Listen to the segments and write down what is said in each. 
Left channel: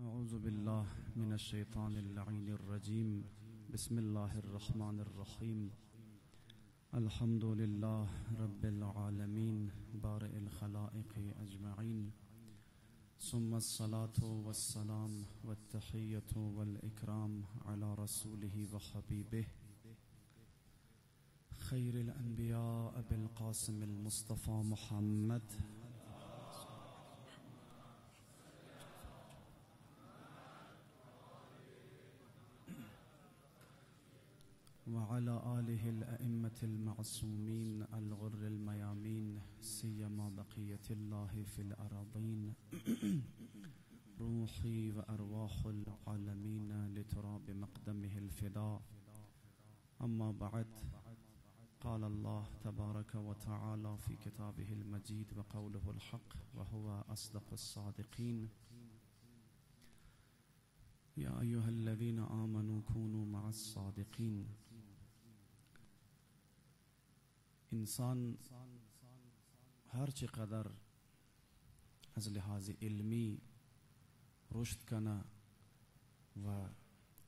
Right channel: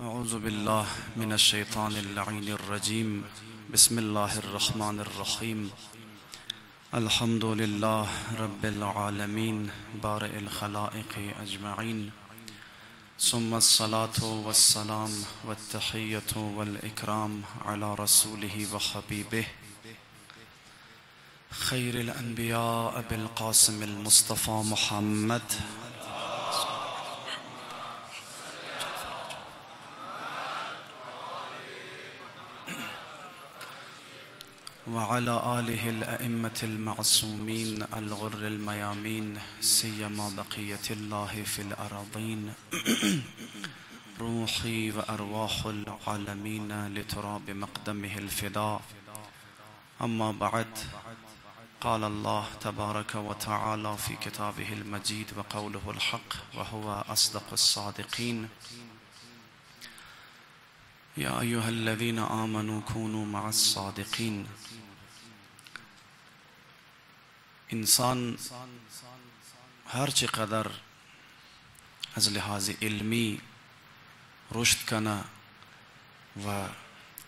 أعوذ بالله من الشيطان اللعين الرجيم. بسم الله الرحمن الرحيم. الحمد لله رب العالمين بارئ الخلائق أجمعين، ثم الصلاة والسلام والتحية والإكرام على رسوله وحبيبه خير الأنبياء بالقاسم المصطفى محمد وعلى آله الأئمة المعصومين الغر الميامين، سيما بقية الله في الأراضين. روحي وأرواح العالمين لتراب مقدمه الفداء. أما بعد، قال الله تبارك وتعالى في كتابه المجيد وقوله الحق وهو أصدق الصادقين: يا أيها الذين آمنوا كونوا مع الصادقين. انسان هر چقدر از لحاظ علمی رشد کنه و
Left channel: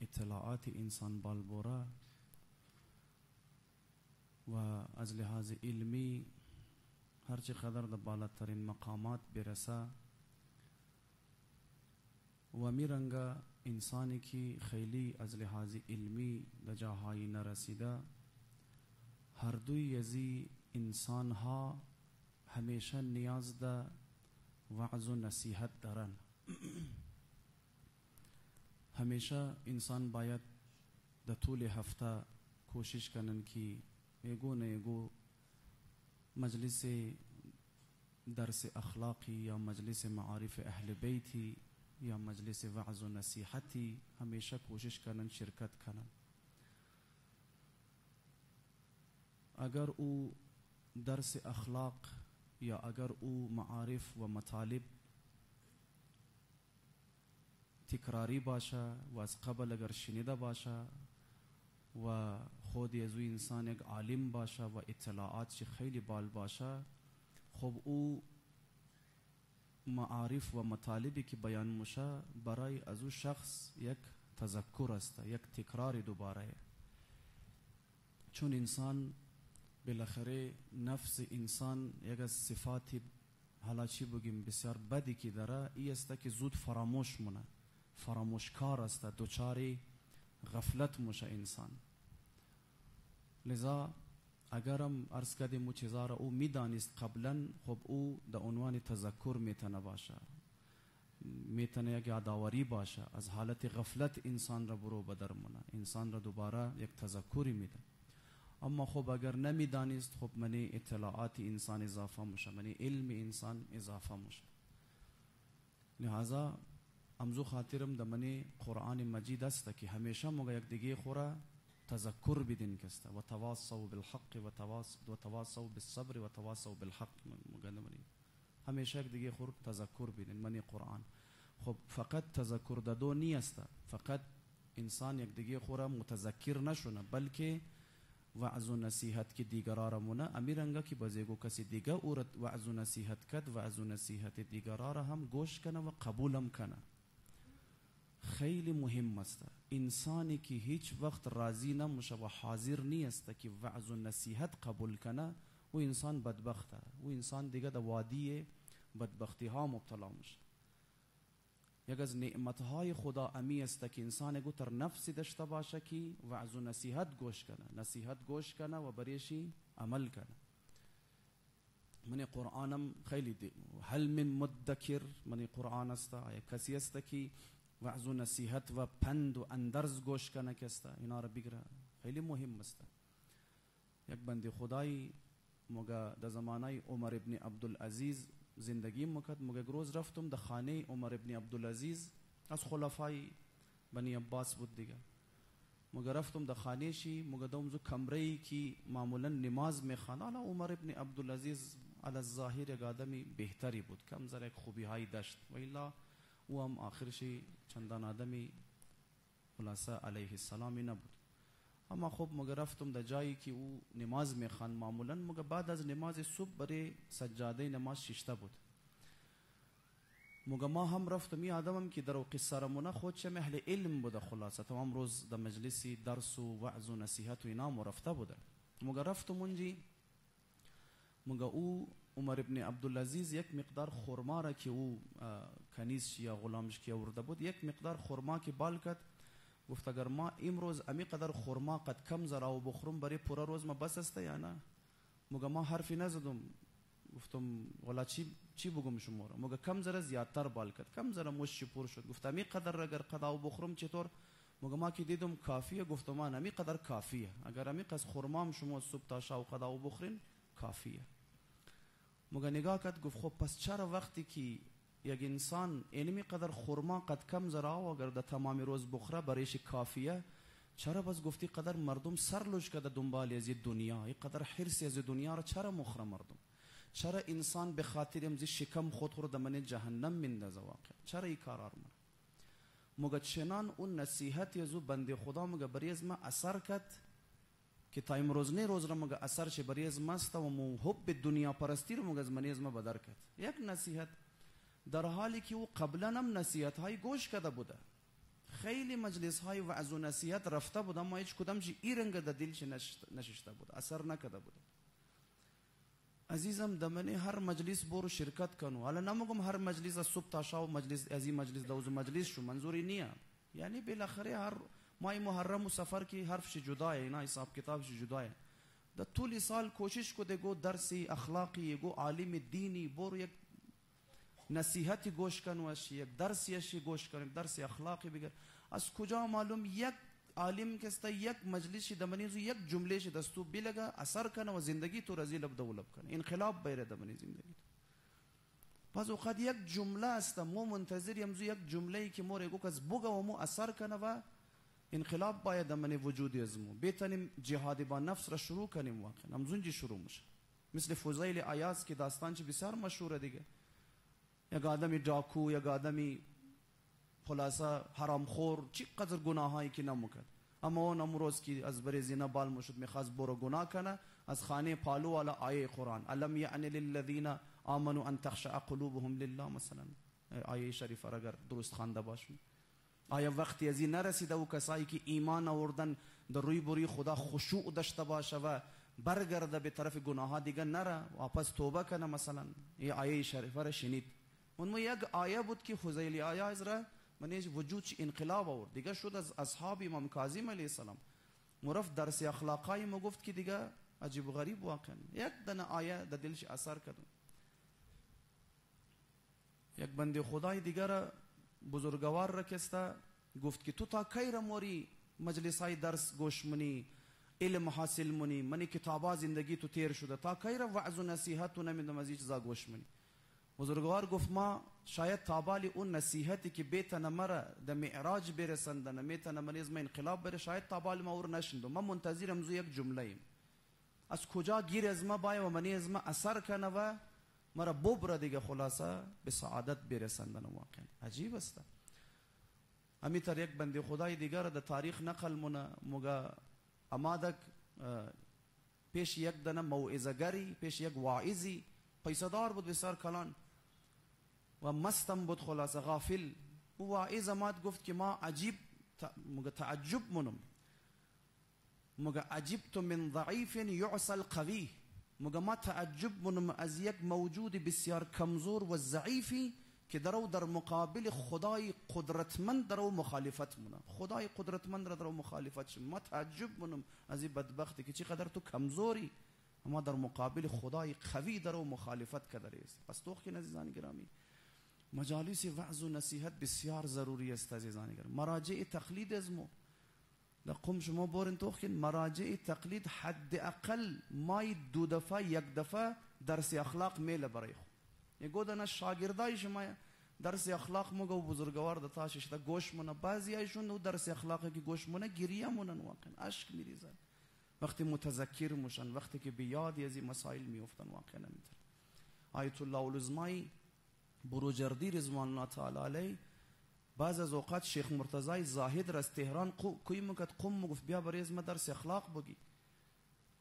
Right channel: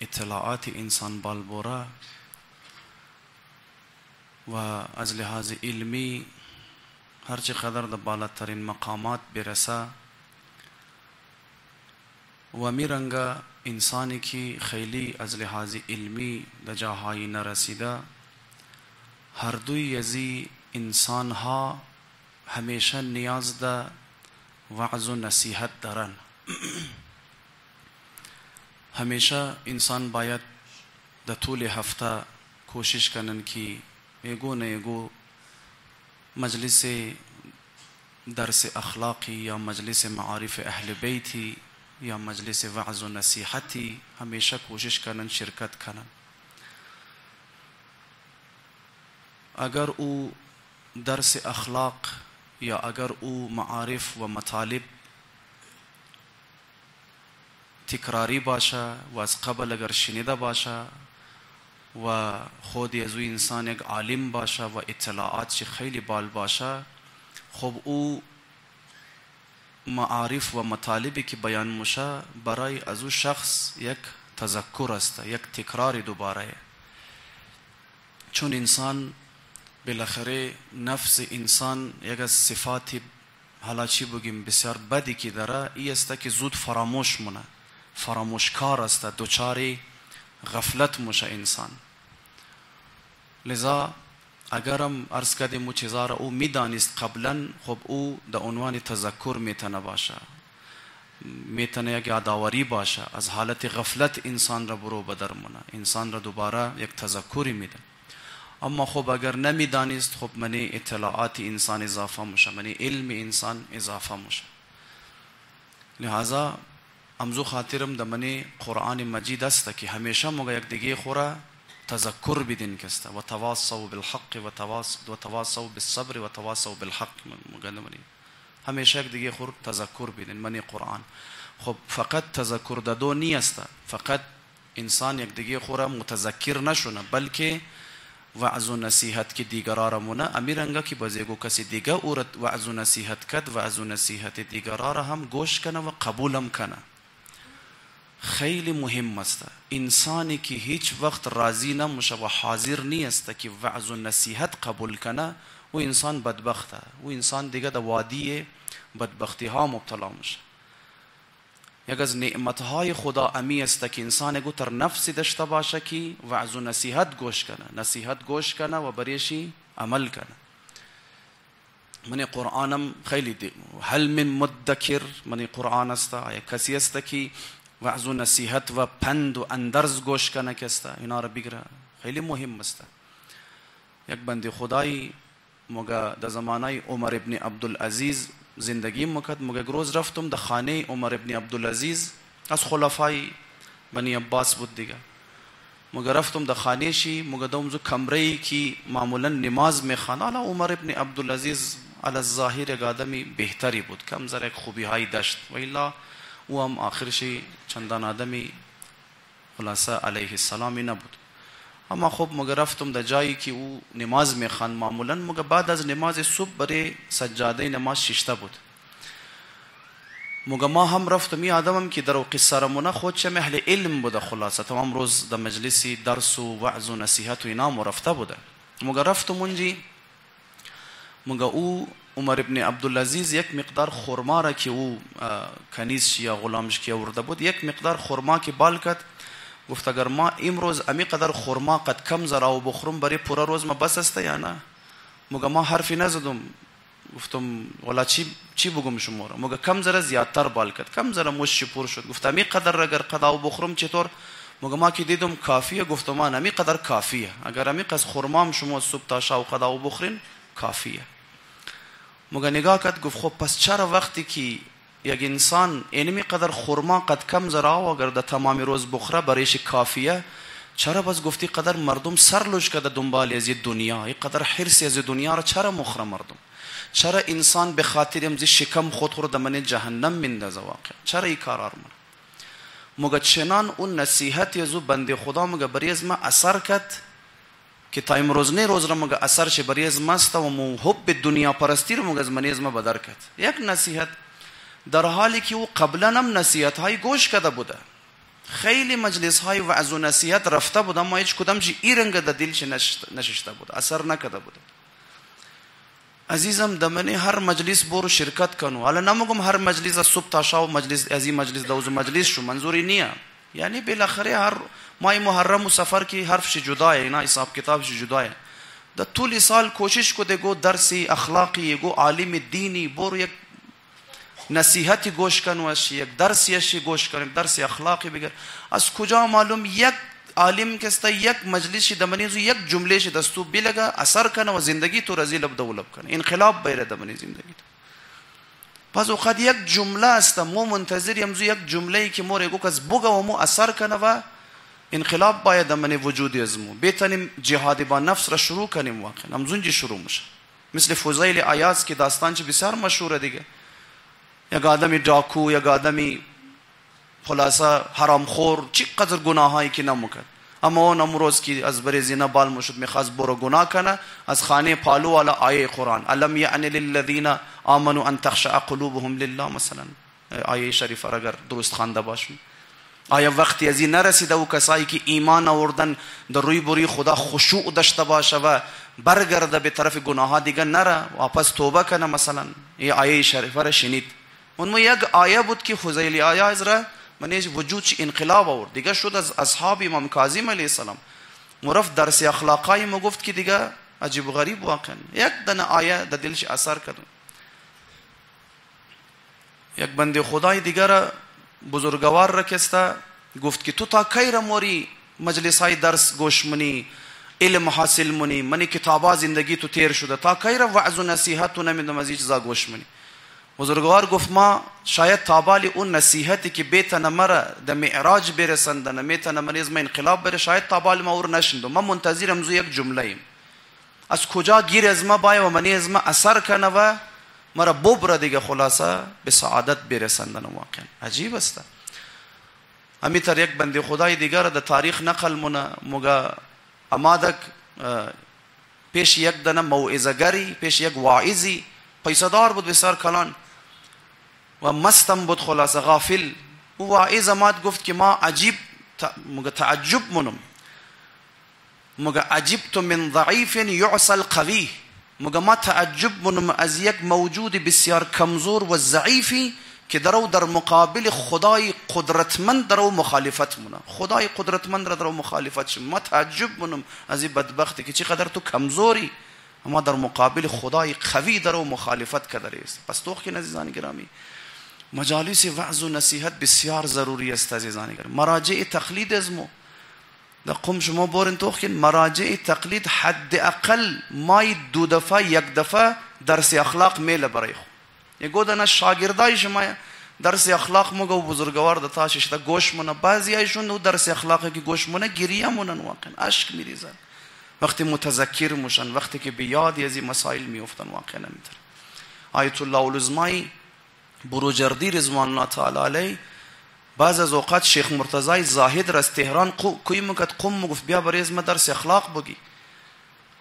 اطلاعات انسان بالبوره و از لحاظ علمی هر چقدر در بالاترین مقامات برسه و میرنگه انسانی که خیلی از لحاظ علمی در جاهایی نرسیده، هر دوی ازی انسان ها همیشه نیاز ده وعظ و نصیحت دارن. همیشه انسان باید در طول هفته کوشش کنن که یگو نه یگو مجلس درس اخلاقی یا مجلس معارف اهل بیتی یا مجلس وعظ و نصیحتی همیشه کوشش کنن شرکت کنن. اگر او درس اخلاق یا اگر او معارف و مطالب تکراری باشه و از قبل اگر شنیده باشه و خود از او انسان یک عالم باشه و اطلاعات خیلی بال باشه، خب او معارف و مطالبی که بیان میشه برای از او شخص یک تذکر است، یک تکرار دوباره. چون انسان بالاخره نفس انسان یک از صفات حالا چی بگیم بسیار بدی که داره ای است که زود فراموش مونه، فراموشکار است، دوچار غفلت میشه انسان. لذا اگرم عرض کردیم او چیزا را او میدانست قبلا، خب او در عنوان تذکر میتونه باشه، میتونه یک یادآوری باشه، از حالت غفلت انسان را برو بدر مونه، انسان را دوباره یک تذکری میده. اما خب اگر نمیدانست، خب منی اطلاعات انسان اضافه میشه، منی علم انسان اضافه میشه. لہذا امزو خاطرم در منی قرآن مجید است که همیشه مگه یک دیگه خورا تذکر بدین کسته و تواصوا بالحق و تواصوا بالصبر و تواصوا بالحق. مگه منی همیشه یک دیگه خور تذکر بدین منی قرآن. خب فقط تذکر دادو نیست، فقط انسان یک دیگه خورا متذکر نشونه، بلکه وعظ و نصیحت که دیگران مونه امیرنگا که بازیگو کسی دیگه او وعظ و نصیحت کد، وعظ و نصیحت دیگران را هم گوش کنه و قبولم کنه. خیلی مهم است. انسانی که هیچ وقت راضی نمیشه و حاضر نیست که وعظ و نصیحت قبول کنه، و انسان بدبخته، و انسان دیگه در وادی بدبختی ها مبتلا میشه. یک از نعمتهای خدا امی است که انسان گو تر نفسی داشته باشه که وعظ و نصیحت گوش کنه، نصیحت گوش کنه و بریشی عمل کنه. من قرآنم خیلی دی هل من مدکر من قرآن است، آیا کسی است که وعظ و نصیحت و پند و اندرز گوش کنه کسته اینا را بگیره. خیلی مهم است. یک بنده خدایی مگه در زمانه عمر ابن عبدالعزیز زندگی مکد، مگه روز رفتم در خانه عمر ابن عبدالعزیز، از خلفای بنی عباس بود دیگه. مگه رفتم در خانه شی، مگه دومزو کمره که معمولا نماز میخوانه. حالا عمر ابن عبدالعزیز علی الظاهر یک آدمی بهتری بود، کم زر یک خوبی های داشت، و الا او هم آخرشی چندان آدمی خلاصه علیه السلامی نبود. اما خب مگه رفتم در جایی که او نماز میخوان، معمولا مگه بعد از نماز صبح برای سجاده نماز ششته بود. مگه ما هم رفتم این آدمم که در قصه رمونه خود چه اهل علم بوده، خلاصه تمام روز در مجلسی درس و وعظ و نصیحت و اینا رفته بوده. مگه رفتم اونجی، مگه او عمر ابن عبدالعزیز یک مقدار خرما را که او کنیزش یا غلامش که آورده بود، یک مقدار خرما که بال کرد، گفت اگر ما امروز امی قدر خرما قد کم زرا و بخورم برای پورا روز ما بس است یا نه؟ مگه ما حرفی نزدم، گفتم والا چی بگم شما را؟ مگه کم ذره زیادتر بال کرد، کم ذره مش پر شد. گفت امی قدر اگر قدا و بخورم چطور؟ مگه ما که دیدم کافیه. گفتم من امی قدر کافیه، اگر امی قدر خرمام شما صبح تا شب قدا و بخورین کافیه. مگه نگاه کرد گفت خب پس چرا وقتی که یک انسان اینمی قدر خرما قد کم ذره و اگر در تمام روز بخوره برایش کافیه، چرا بس گفتی قدر مردم سر لوش کرده دنبال از دنیا، این قدر حرص از دنیا را چرا مخره مردم؟ چرا انسان به خاطر امزی شکم خود خود من جهنم میندازه؟ واقعا چرا این کار آرمونه؟ مگه چنان اون نصیحت یزو بنده خدا مگه بری از ما اثر کرد که تا امروز نه روز را مگه اثر شه بری از ماست و محب دنیا پرستی رو مگه از من از ما بدر کرد. یک نصیحت در حالی که او قبلا هم نصیحت های گوش کرده بوده، خیلی مجلس های وعظ و نصیحت رفته بود، اما هیچ کدام چی این رنگ در دلش نشسته بود، اثر نکرده بود. عزیزم دمنه هر مجلس برو شرکت کنو. حالا نمیگم هر مجلس از صبح تا شب مجلس از این مجلس دوز مجلس شو، منظوری نیه. یعنی بالاخره هر ماه محرم و سفر کی حرفش جداه، اینا حساب کتابش جداه. در طول سال کوشش کو دگو درسی اخلاقی گو عالم دینی برو یک نصیحتی گوش کنو، یک درسی گوش کنو، درس اخلاقی بگر. از کجا معلوم یک عالم کستا یک مجلس دمنی زو یک جمله ش دستو بلگا اثر کنه و زندگی تو رزی لب دولب کنه، انقلاب بیره دمنی زندگی تو. پس اوقات یک جمله است مو منتظریم زو یک جمله ای که مور گو کس بوگا و مو اثر کنه و انقلاب باید دمنی وجودی ازمو بتونیم جهاد با نفس را شروع کنیم. واقعا همزونجی شروع میشه. مثل فضیل عیاض که داستان چه بسیار مشهوره دیگه. یک آدمی ڈاکو، یک آدمی خلاصه حرامخور، چی قدر گناهایی که نمیکرد، اما اون امروز که از بر زنا بال مشد میخواست برو گناه کنه، از خانه پالو والا آیه قرآن الم یعن للذین آمنوا ان تخشع قلوبهم لله مثلا آیه شریفه را اگر درست خوانده باشیم، آیا وقتی از این نرسیده و کسایی که ایمان آوردن در روی بروی خدا خشوع داشته باشه و برگرده به طرف گناهها دیگه نره، واپس توبه کنه مثلا، این آیه شریفه را شنید. اون یک آیه بود که فضیل عیاض را منیج وجودش انقلاب آورد دیگه، شد از اصحاب امام کاظم علیه السلام مرف درس اخلاقای ما گفت که دیگه عجیب و غریب واقعا یک دنه آیه در دلش اثر کرد. یک بنده خدای دیگر را بزرگوار را کسته گفت که تو تا کی را موری مجلس های درس گوش منی، علم حاصل منی، منی کتابا زندگی تو تیر شده، تا کی را وعظ و نصیحت تو نمیدم از این چیزا گوش منی؟ بزرگوار گفت ما شاید تابالی اون نصیحتی که بیتن مرا در معراج برسندن میتن منیز ما انقلاب بره، شاید تابالی ما اور نشندم، من منتظرم زو یک جمله ایم از کجا گیر از ما باید و منیز ما اثر کنه و مرا ببره دیگه خلاصه به سعادت برسندن. واقعا عجیب است. همیتر یک بنده خدای دیگر در تاریخ نقل مگه امادک پیش یک دنه موعظه‌گری، پیش یک واعظی پیسدار بود بسیار کلان و مستم بود خلاصه غافل. او واعظ اماد گفت که ما عجیب مگه تعجب منم، مگه عجبت من ضعیف یعصى القوی، مگه ما تعجب منم از یک موجود بسیار کمزور و ضعیفی که درو در مقابل خدای قدرتمند درو مخالفت منه، خدای قدرتمند را درو مخالفت شم. ما تعجب منم از این بدبختی که چقدر تو کمزوری، اما در مقابل خدای قوی درو مخالفت کرده است. پس توخ که عزیزان گرامی مجالس وعظ و نصیحت بسیار ضروری است. عزیزان گرامی مراجع تقلید ازمو در قم شما بورن توخ که مراجع تقلید حد اقل مای دو دفعه یک دفعه درس اخلاق میله برای خو یگو دنا شاگردای شما درس اخلاق مگه بزرگوار د تاشش تا گوش مونه، بعضی ایشون درس اخلاقی که گوش مونه گریه مونن، واقعا اشک میریزن وقتی متذکر میشن، وقتی که به یاد از این مسائل میافتن. واقعا نمیتر آیت الله العظمای بروجردی رضوان الله تعالی علیه بعض از اوقات شیخ مرتضی زاهد را از تهران کوی مکت قم گفت بیا برای از درس اخلاق بگی.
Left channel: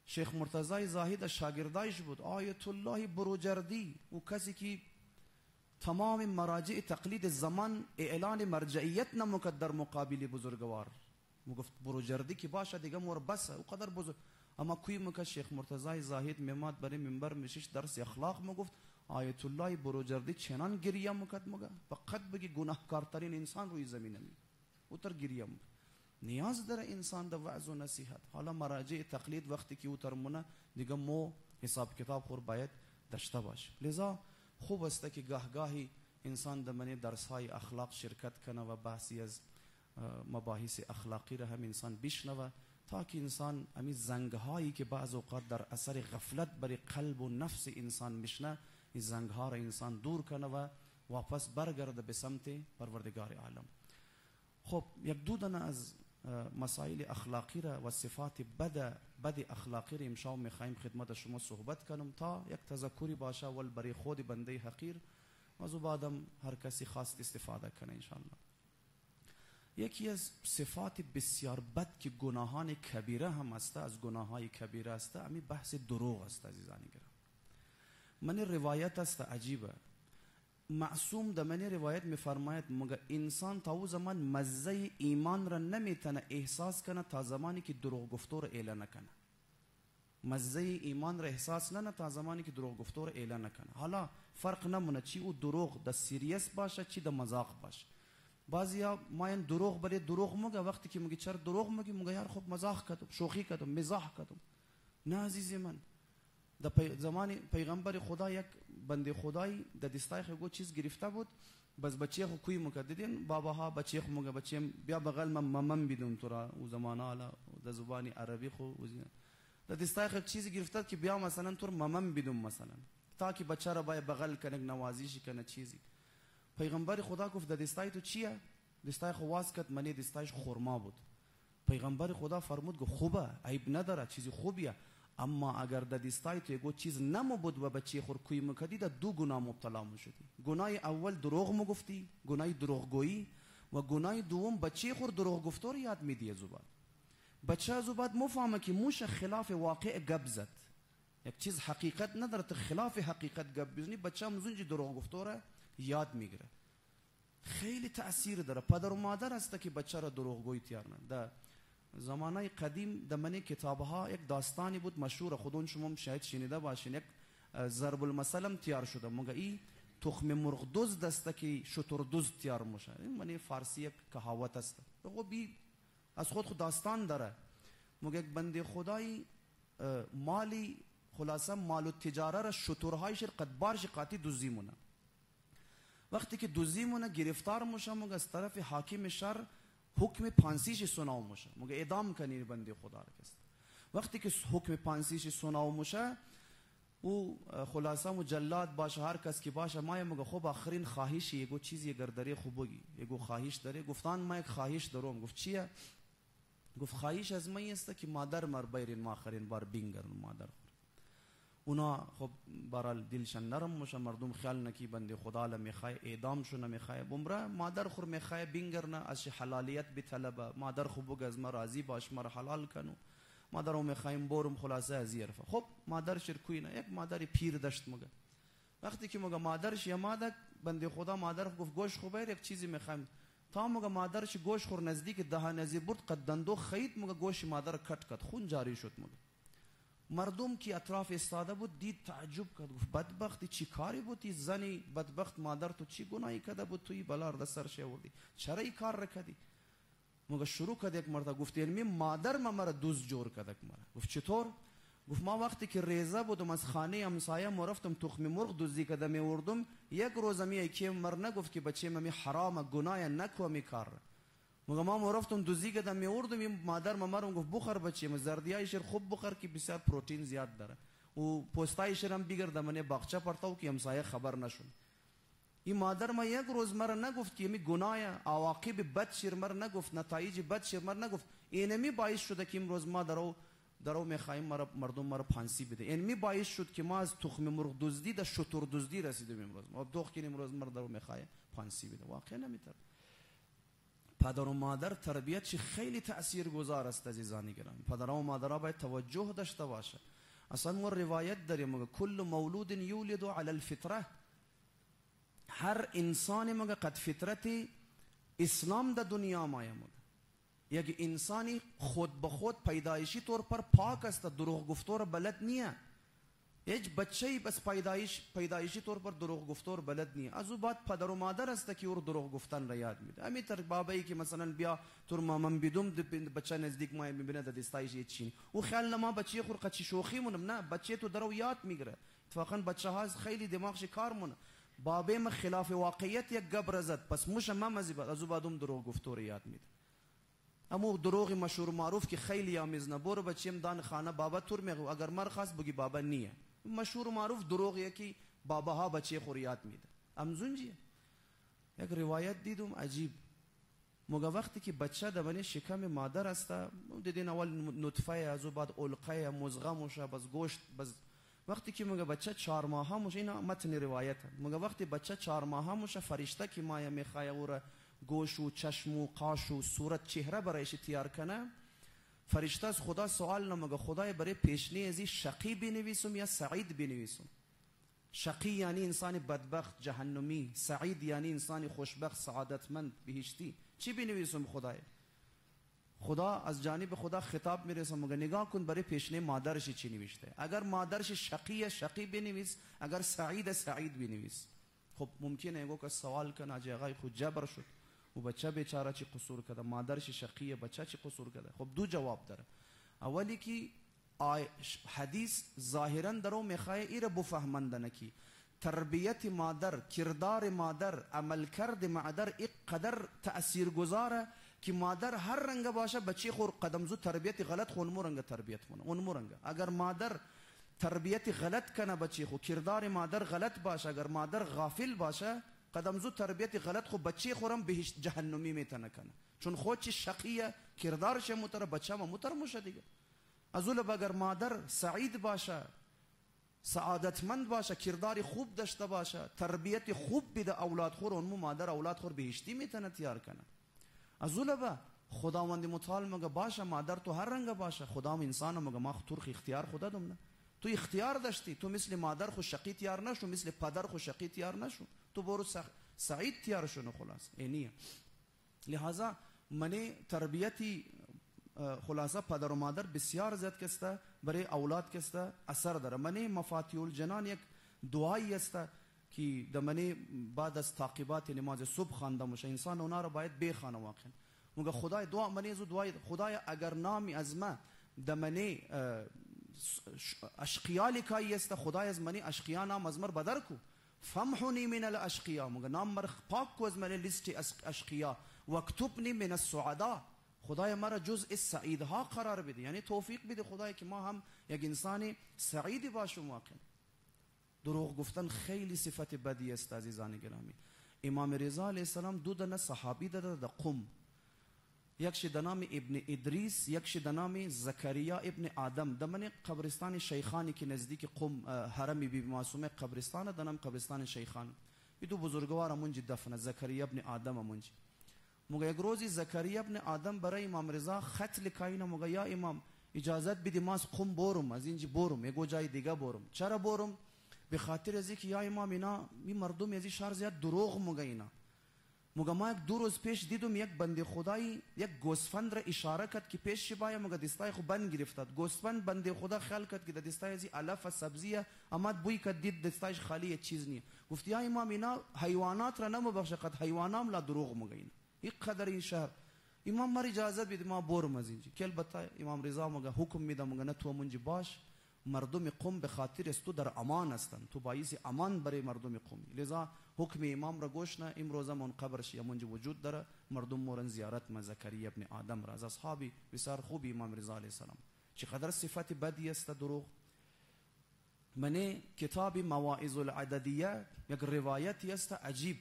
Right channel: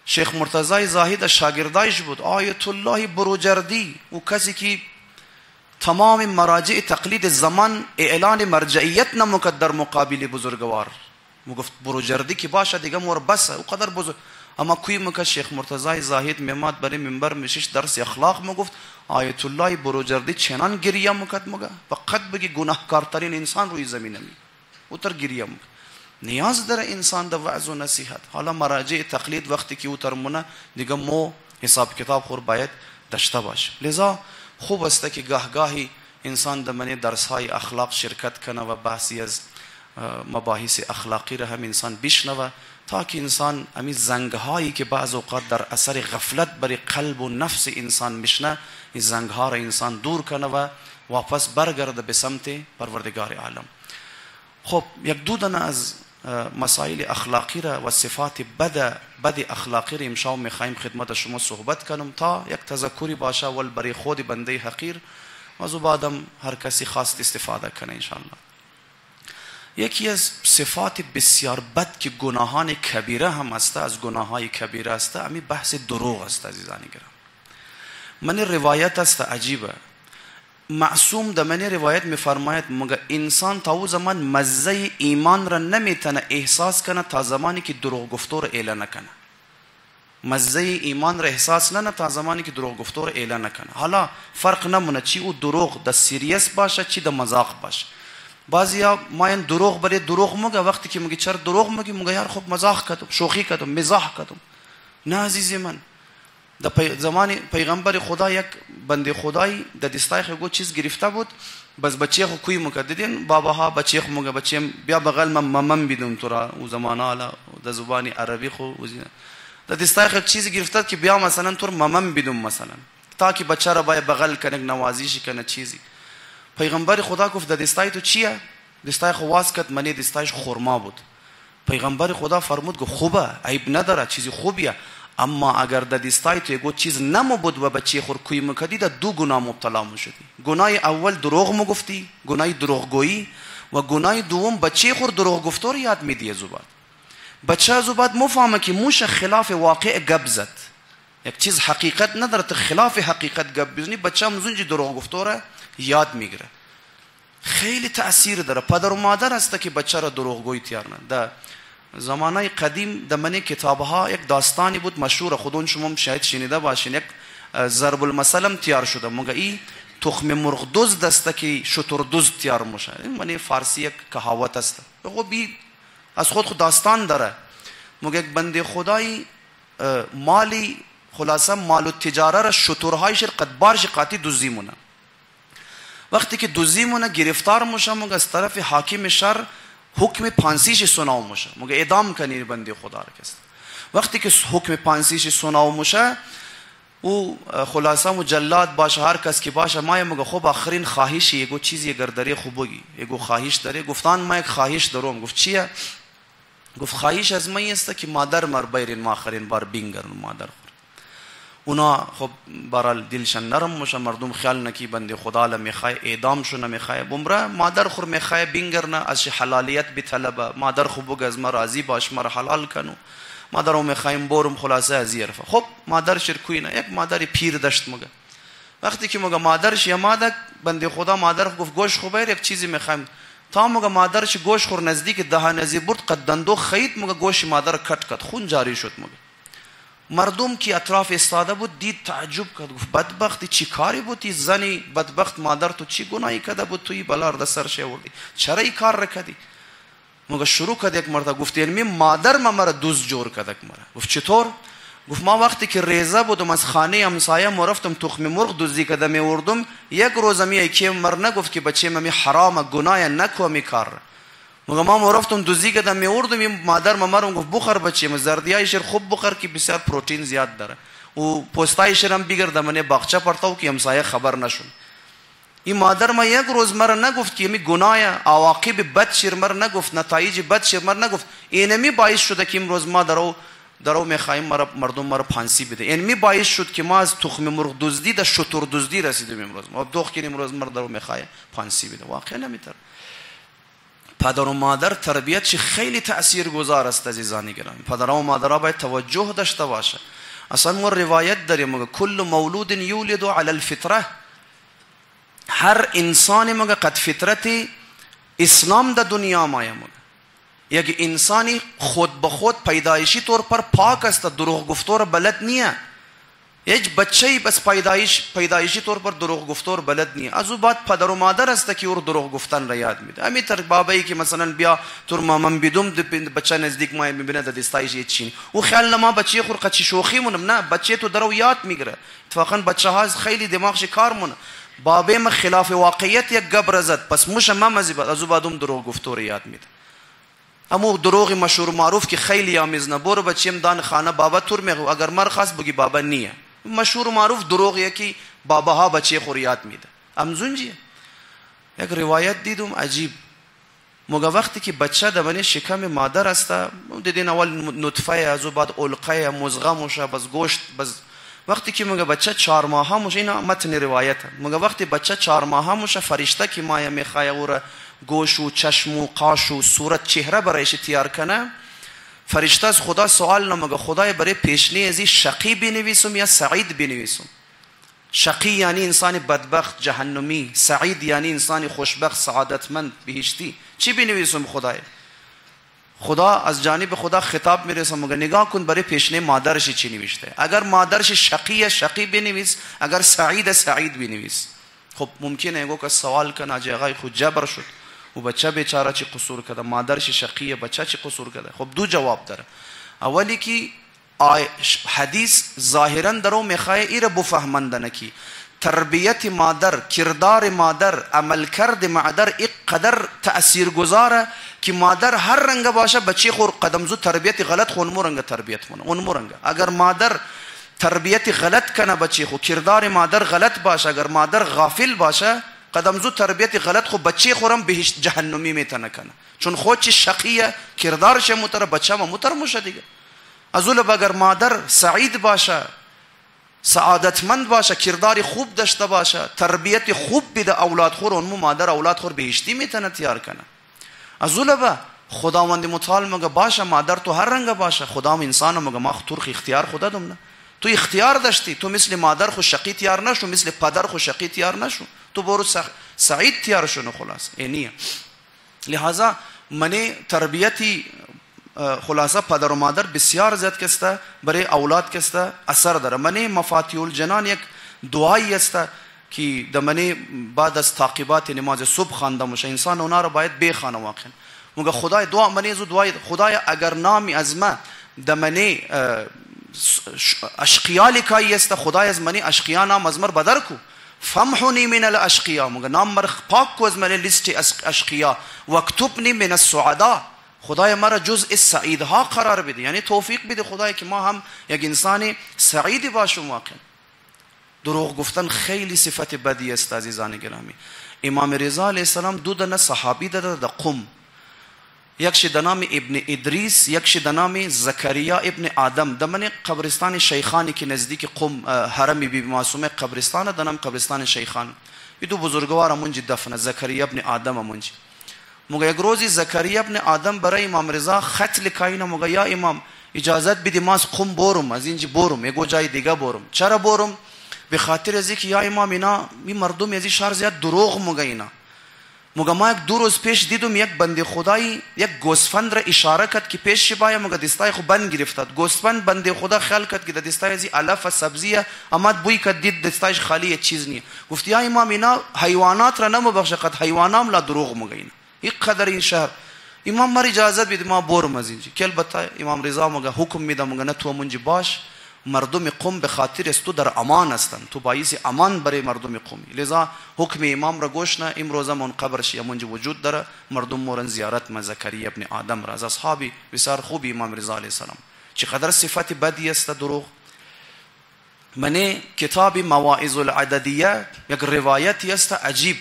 شیخ مرتضی زاهد شاگردایش بود. آیت الله بروجردی او کسی که تمام مراجع تقلید زمان اعلان مرجعیت نموکد در مقابل بزرگوار. گفت برو جردی که باشه دیگه مور بسه او قدر بزرگ. اما کوی مکه شیخ مرتضی زاهد میماد برای منبر میشش درس اخلاق میگفت آیت الله بروجردی چنان گریه میکرد مگه فقط بگی گناهکارترین انسان روی زمین می اوتر گریه میکرد. نیاز داره انسان در وعظ و نصیحت. حالا مراجع تقلید وقتی که اوتر مونه دیگه مو حساب کتاب خور باید داشته باشه. لذا خوب است که گاهی انسان در من درس های اخلاق شرکت کنه و بحثی از مباحث اخلاقی را هم انسان بشنوه تا که انسان امی زنگ هایی که بعض اوقات در اثر غفلت بر قلب و نفس انسان میشنه این زنگ ها را انسان دور کنه و واپس برگرده به سمت پروردگار عالم. خب یک دو دانه از مسائل اخلاقی را و صفات بد اخلاقی را امشب میخوایم خدمت شما صحبت کنم تا یک تذکری باشه ول برای خود بنده حقیر و از بعدم هر کسی خواست استفاده کنه انشاءالله. یکی از صفات بسیار بد که گناهان کبیره هم است، از گناههای کبیره است، امی بحث دروغ است عزیزان گرامی. من روایت است عجیبه. معصوم در من روایت میفرماید مگه انسان تا او زمان مزه ایمان را نمیتونه احساس کنه تا زمانی که دروغ گفتار اعلان نکنه. مزه ایمان را احساس نه تا زمانی که دروغ گفتار اعلان نکنه. حالا فرق نمونه چی او دروغ در سیریس باشه چی در مذاق باشه. بعضیا ماین دروغ برای دروغ مگه وقتی که میگه چرا دروغ میگی مگه یار خب مزاح کردم شوخی کردم مزاح کردم. نه عزیزی من، در زمان پیغمبر خدا یک بنده خدایی در دستای خو چیز گرفته بود بس بچه خو کوی میکرد. دیدین باباها بچه خو مگه بچه بیا بغل من بدون تو را او زمانه حالا در زبان عربی خو در دستای خو چیز گرفته که بیا مثلا تو من بدون مثلا تا که بچه را باید بغل کنه نوازیش کنه چیزی. پیغمبر خدا گفت در دستای تو چیه؟ دستای خو واس کرد منی دستایش خرما بود. پیغمبر خدا فرمود گفت خوبه عیب نداره چیزی خوبیه، اما اگر در دستای تو یک چیز نمو بود و بچه خور کوی میکردی در دو گناه مبتلا میشدی. گناه اول دروغ میگفتی، گناه دروغگویی، و گناه دوم بچه خور دروغ گفتار یاد میدی. زباد بچه زباد مفهمه که موش خلاف واقع گپ زد، یک چیز حقیقت نداره تو خلاف حقیقت گپ بزنی بچه همزونجی دروغ گفتاره یاد میگیره. خیلی تأثیر داره. پدر و مادر هسته که بچه را دروغگویی تیار نه. در زمانه قدیم در من کتابها یک داستانی بود مشهور، خودون شما شاید شنیده باشین. یک ضرب المثل تیار شده مگه ای تخم مرغ دزد است که شتر دزد تیار میشه. این من فارسی یک کهاوت است. خب از خود داستان داره. مگه یک بنده خدایی مالی خلاصه مال و تجاره را شترهایش قدبارش قاطی دزدی مونه. وقتی که دزدی مونه گرفتار میشه مگه از طرف حاکم شهر حکم پانسیش سناو میشه مگه اعدام کنی بنده خدا را کست. وقتی که حکم پانسیش سناو میشه او خلاصه مجلد باشه هر کس که باشه ما مگه خب آخرین خواهشی یگو چیزی اگر داری خوب بگی یگو خواهش داری. گفتان ما یک خواهش دارم. گفت چیه؟ گفت خواهش از من است که مادر مر بیرین ما آخرین بار بینگرن مادر خور. اونا خب برال دلشان نرم میشه، مردم خیال نکی بنده خدا ل میخوای اعدام شو نمیخوای بمره مادر خور میخوای بینگرنه از حلالیت بطلبه مادر خوب از ما راضی باش مر حلال کنو مادرو میخوایم برم خلاصه از یرفه. خب مادر شرکوی نه یک مادر پیر داشت مگه وقتی که مگه مادرش یا مادر بنده خدا مادر گفت گوش خوبه یک چیزی میخوایم تا مگه مادرش گوش خور نزدیک دهان نزی برد قدندو خید مگه گوش مادر کٹ خون جاری شد. مگه مردم کی اطراف استاده بود دید تعجب کرد. گفت بدبختی چی کاری بودی زنی بدبخت مادر تو چی گناهی کرده بود توی بلار در سرش آوردی چرا این کار را کردی؟ مگه شروع کرد یک مرتبه گفت یعنی مادر مرا دوز جور کرد مرا. گفت چطور؟ گفت ما وقتی که ریزه بودم از خانه همسایه رفتم تخم مرغ دزدی کرده میوردم یک روز می که مر نگفت که بچه می حرام گناه نکو می کار. مگه ما رفتم دزدی کردم میوردم مادر مرا گفت بخور بچه زردیای شیر خوب بخور که بسیار پروتئین زیاد داره و پوستای شیرم بگیرد من باغچه پرتاو که همسایه خبر نشون. این مادر ما یک روز مرا نگفت که می گناه عواقب بد شیر مر نگفت نتایج بد شیر مر نگفت. اینمی باعث شده که امروز ما درو میخوایم مردم مرا پانسی بده. اینمی باعث شد که ما از تخم مرغ دزدی در شتر دزدی رسیدیم امروز. ما دوخ کنیم امروز مرا درو میخوای پانسی بده. واقعا نمیتر. پدر و مادر تربیت خیلی تاثیرگذار است عزیزان گرامی. پدر و مادرها باید توجه داشته باشه. اصلا ما روایت داریم کل مولود یولد علی الفطره. هر انسانی مگه قد فطرت اسلام در دنیا مایه مگه یک انسانی خود به خود پیدایشی طور پر پاک است، دروغ گفتار بلد نیه. یک بچه‌ای بس پیدایشی طور پر دروغ گفتار بلد نیه. از او بعد پدر و مادر است که او دروغ گفتن را یاد میده. همین تر بابایی که مثلا بیا تور مامان بدوم بچه نزدیک ما میبینه در دستایش چین او خیال ما بچه خور قچی شوخی مونم، نه بچه تو درو یاد میگیره. اتفاقا بچه ها خیلی دماغش کار مونه. بابه ما خلاف واقعیت یک گبر زد پس موشه ما مزی بعد از او بعدم دروغ گفتار یاد میده. امو دروغ مشهور معروف که خیلی آمیزنه برو بچیم دان خانه بابا تور میگو اگر مر خاص بگی بابا نیه. مشهور معروف دروغیه که بابا ها بچه خوریات میده. امزونجیه. یک روایت دیدم عجیب. موقع وقتی که بچه در شکم مادر است دیدین اول نطفه از بعد علقه مزغه موشه بس گوشت بس وقتی که موقع بچه 4 ماهه موشه اینا متن روایته. موقع وقتی بچه 4 ماهه موشه فرشته که مایه میخواه او گوش و چشم و قاش و صورت چهره برایش تیار کنه فرشته از خدا سوال نمگه خدای برای پیشنی ازی شقی بنویسم یا سعید بنویسم. شقی یعنی انسان بدبخت جهنمی، سعید یعنی انسان خوشبخت سعادتمند بهشتی. چی بنویسم خدای؟ خدا از جانب خدا خطاب میرسه مگه نگاه کن برای پیشنی مادرش چی نوشته. اگر مادرش شقی شقی بنویس، اگر سعید سعید بنویس. خب ممکنه ایگو که سوال کنه اجی آقای خود جبر شد و بچه بیچاره چی قصور کرده، مادرش شقیه بچه چی قصور کرده. خب دو جواب داره. اولی که حدیث ظاهرا درو میخواه ایره بفهمندنه کی تربیت مادر، کردار مادر، عملکرد مادر اینقدر تأثیر گذاره که مادر هر رنگ باشه بچه خور قدم زو تربیت غلط خون مورنگ تربیت مونه اون مورنگ. اگر مادر تربیت غلط کنه بچه خو کردار مادر غلط باشه، اگر مادر غافل باشه قدم زو تربیت غلط خو بچه خورم به جهنمی میتونه کنه چون خود چی شقیه کردارش متر بچه ما متر موشه دیگه. از اول اگر مادر سعید باشه سعادتمند باشه کردار خوب داشته باشه تربیت خوب بده اولاد خور اون مادر اولاد خور بهشتی میتونه تیار کنه. از اول خداوند متعال مگه باشه مادر تو هر رنگ باشه خدا انسان مگه ما ترخ اختیار خدا دم نه تو اختیار داشتی تو مثل مادر خو شقی تیار نشو مثل پدر خو شقی تیار نشو تو برو سعید تیار شو خلاص اینیه. لہذا منی تربیتی خلاصه پدر و مادر بسیار زیاد کسته برای اولاد کسته اثر داره. منی مفاتیح الجنان یک دعایی است که در منی بعد از تعقیبات نماز صبح خوانده میشه انسان اونا رو باید بخونه واقعا. مگه خدای دعا منی زو دعای خدای اگر نامی از ما در منی اشقیا لکایی است خدای از منی اشقیا نام از مر بدر کو فمحونی من الاشقیا مگه نام مر پاک کو از منی لیست اشقیا واکتبنی من السعداء خدای مرا جزء سعیدها قرار بده یعنی توفیق بده خدای که ما هم یک انسانی سعیدی باشیم. واقعا دروغ گفتن خیلی صفت بدی است عزیزان گرامی. امام رضا علیه السلام دو دانه صحابی داده در قم، یکش در نام ابن ادریس یکش در نام زکریا ابن آدم. در من قبرستان شیخانی که نزدیک قم حرم بی معصومه قبرستان در نام قبرستان شیخان این دو بزرگوار منجی دفنه زکریا ابن آدم منجی. مگه یک روزی زکریا ابن آدم برای امام رضا خط لکاینه مگه یا امام اجازت بدی ما از قم برم از اینجا برم یگو جای دیگه برم. چرا برم؟ به خاطر از اینکه یا امام اینا می مردم از این شهر زیاد دروغ مگه اینا مگه ما یک 2 روز پیش دیدم یک بنده خدایی یک گوسفند را اشاره کرد که پیش شبای مگه دستای خو بند گرفتاد. گوسفند بنده خدا خیال کرد که دستای از علف سبزیه اما بوی کرد دید دستایش خالی چیز نیه. گفت یا امام اینا حیوانات را نمبخشه قد حیوانام لا دروغ مگه اینا یک قدر این شهر. امام مر اجازت بده ما برم از اینجا که البته امام رضا مگه حکم میده مگه نه تو منجی باش مردم قم به خاطر است تو در امان هستند تو باعث امان برای مردم قومی. لذا حکم امام را گوش نه امروزه من قبرش منجی وجود داره مردم مورن زیارت ما زکریا ابن آدم را از اصحابی بسیار خوب امام رضا علیه السلام. چقدر صفت بدی است دروغ. من کتاب مواعظ العددیه یک روایتی است عجیب.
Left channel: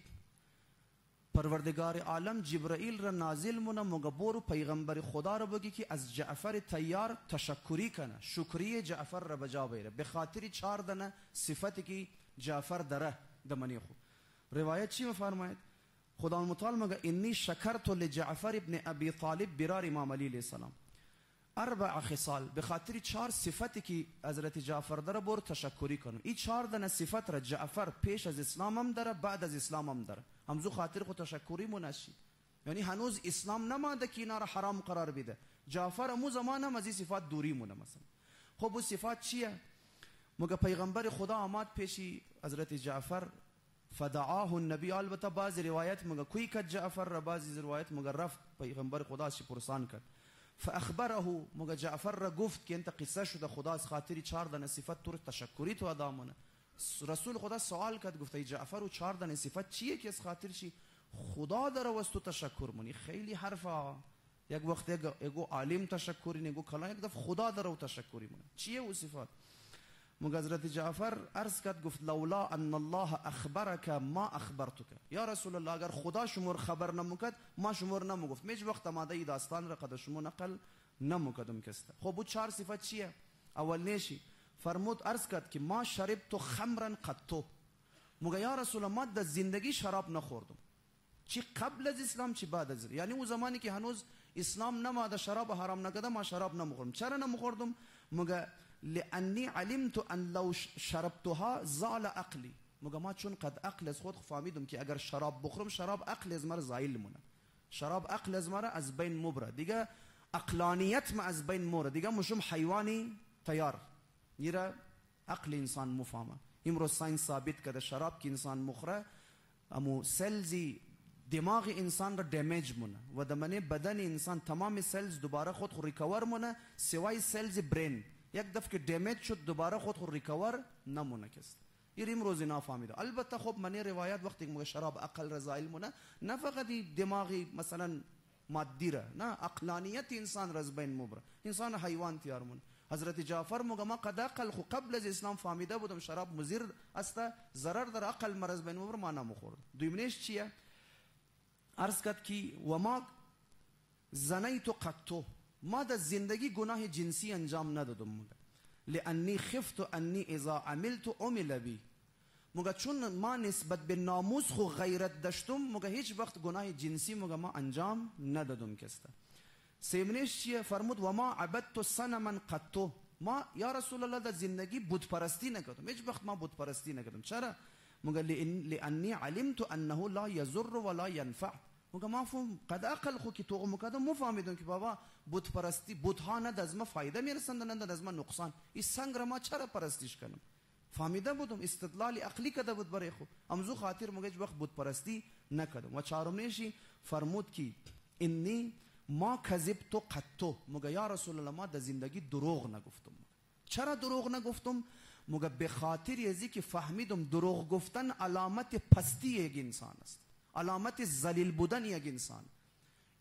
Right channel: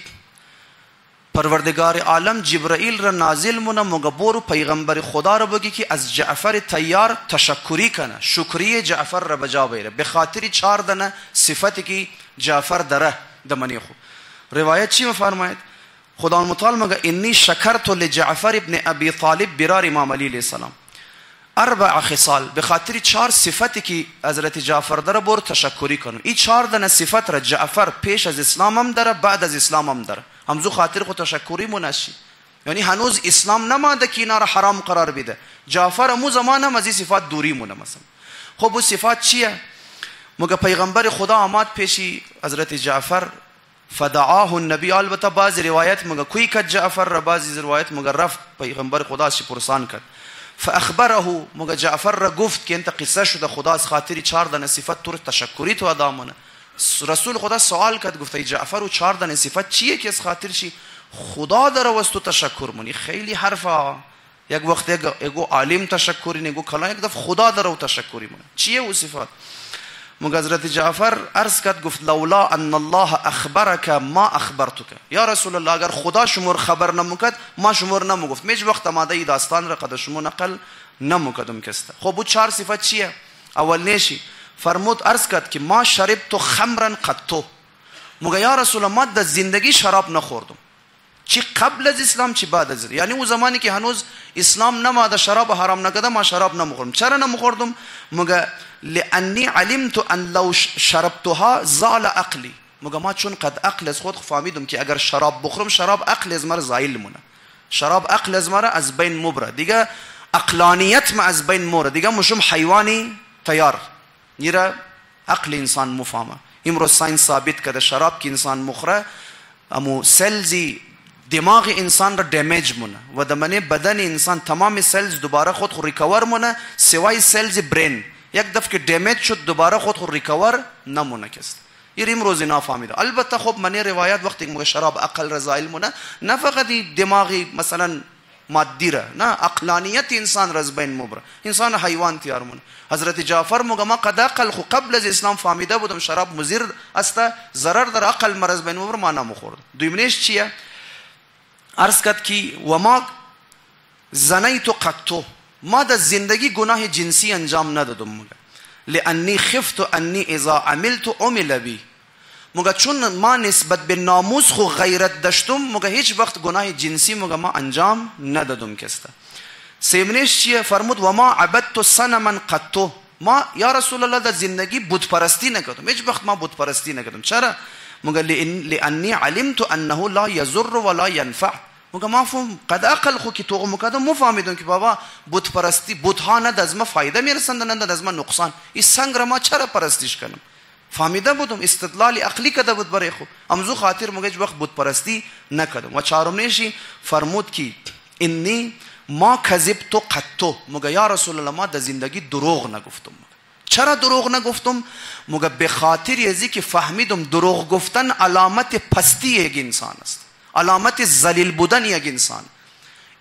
پروردگار عالم جبرائیل را نازل مونه مگبور پیغمبر خدا را بگی که از جعفر تیار تشکری کنه شکریه جعفر را بجا بیاره به خاطر 4 دانه صفتی که جعفر داره دمنی خو. روایت چی میفرماید؟ خدا متعال مگه انی شکرت لجعفر ابن ابی طالب برار امام علی علیه السلام 4 خصال، به خاطر 4 صفتی که حضرت جعفر داره بر تشکری کنم. این 4 دانه صفت را جعفر پیش از اسلام هم داره، بعد از اسلام هم داره. همزو خاطر خود تشکری منشی، یعنی هنوز اسلام نماده که اینا را حرام قرار بده. جعفر مو زمان هم از این صفات دوری مونه. مثلا خب اون صفات چیه؟ مگه پیغمبر خدا آمد پیشی حضرت جعفر، فدعاه النبی. البته بعض روایت مگه کوی کد جعفر را، بعض روایت مگه رفت پیغمبر خدا شی پرسان کرد. فاخبره، مگه جعفر را گفت که انت قصه شده خدا از خاطر 4 دانه صفت تو تشکری تو ادا مونه. رسول خدا سوال کرد، گفت ای جعفر و 4 دانه صفت چیه که از خاطر شی خدا داره واسه تو تشکر مونی؟ خیلی حرفا. یک وقت یگو عالم تشکری، نگو کلا، یک دفعه خدا داره و تشکری مونه. چیه او صفات؟ مگه حضرت جعفر عرض کرد، گفت لولا ان الله اخبرك ما اخبرتك. یا رسول الله اگر خدا شمور خبر نموکد ما شمور نموگفت. میج وقت ماده داستان را قد شمو نقل نموکدم کسته. خب او 4 صفت چیه؟ اول نیشی فرمود، عرض کرد که ما شربت خمرا قط. مگه یا رسول الله ما در زندگی شراب نخوردم، چی قبل از اسلام چی بعد از، یعنی اون زمانی که هنوز اسلام نماده شراب حرام نکرده ما شراب نمیخوردم. چرا نمیخوردم؟ مگه لانی علمت ان لو شربتها زال عقلی. مگه ما چون قد عقل از خود فهمیدم که اگر شراب بخورم شراب عقل از مرا زایل مونه، شراب عقل از مرا از بین مبره دیگه، عقلانیت ما از بین مبره دیگه، مشم حیوانی تیار نیره عقل انسان مفهمه. امروز ساینس ثابت کرده شراب که انسان مخوره امو سلزی دماغ انسان را دمیج مونه و دمنه بدن انسان تمام سلز دوباره خود ریکور مونه سوای سلز برین. یک دفعه که دمیج شد دوباره خود ریکور نمونه کست. این امروز نفهمیده. البته خب من روایت وقتی که شراب عقل رضایل مونه، نه فقط دماغی مثلا مادی را، نه عقلانیت انسان را از بین مبره، انسان حیوان تیار مونه. حضرت جعفر میگه ما قد عقل خو قبل از اسلام فهمیده بودم شراب مضر است، ضرر در عقل مرز بین مبره ما نمیخورد. دویمنیش چیه؟ عرض کرد که و ما زنیت قط، ما در زندگی گناه جنسی انجام ندادم. مگه لانی خفت انی اذا عملت عمل بی. مگه چون ما نسبت به ناموس خو غیرت داشتم، مگه هیچ وقت گناه جنسی مگه ما انجام ندادم کسته. سیمنیش چیه؟ فرمود و ما عبدت صنما قط. ما یا رسول الله در زندگی بت پرستی نکردم، هیچ وقت ما بت پرستی نکردم. چرا؟ مگه لانی علمت انه لا یضر ولا ینفع. مگه ما فهم قد عقل خو که تو مکدم مفهمیدم که بابا بت پرستی بت ها نه از ما فایده میرسند نه از ما نقصان. این سنگ را ما چرا پرستیش کنم؟ فهمیده بودم، استدلال عقلی کرده بود برای خود. امزو خاطر مگه وقت بت پرستی نکردم. و چهارمنیشی فرمود که انی ما کذبت قط. مگه یا رسول الله ما در زندگی دروغ نگفتم. چرا دروغ نگفتم؟ مگه به خاطر ازی که فهمیدم دروغ گفتن علامت پستی یک انسان است، علامت ذلیل بودن یک انسان.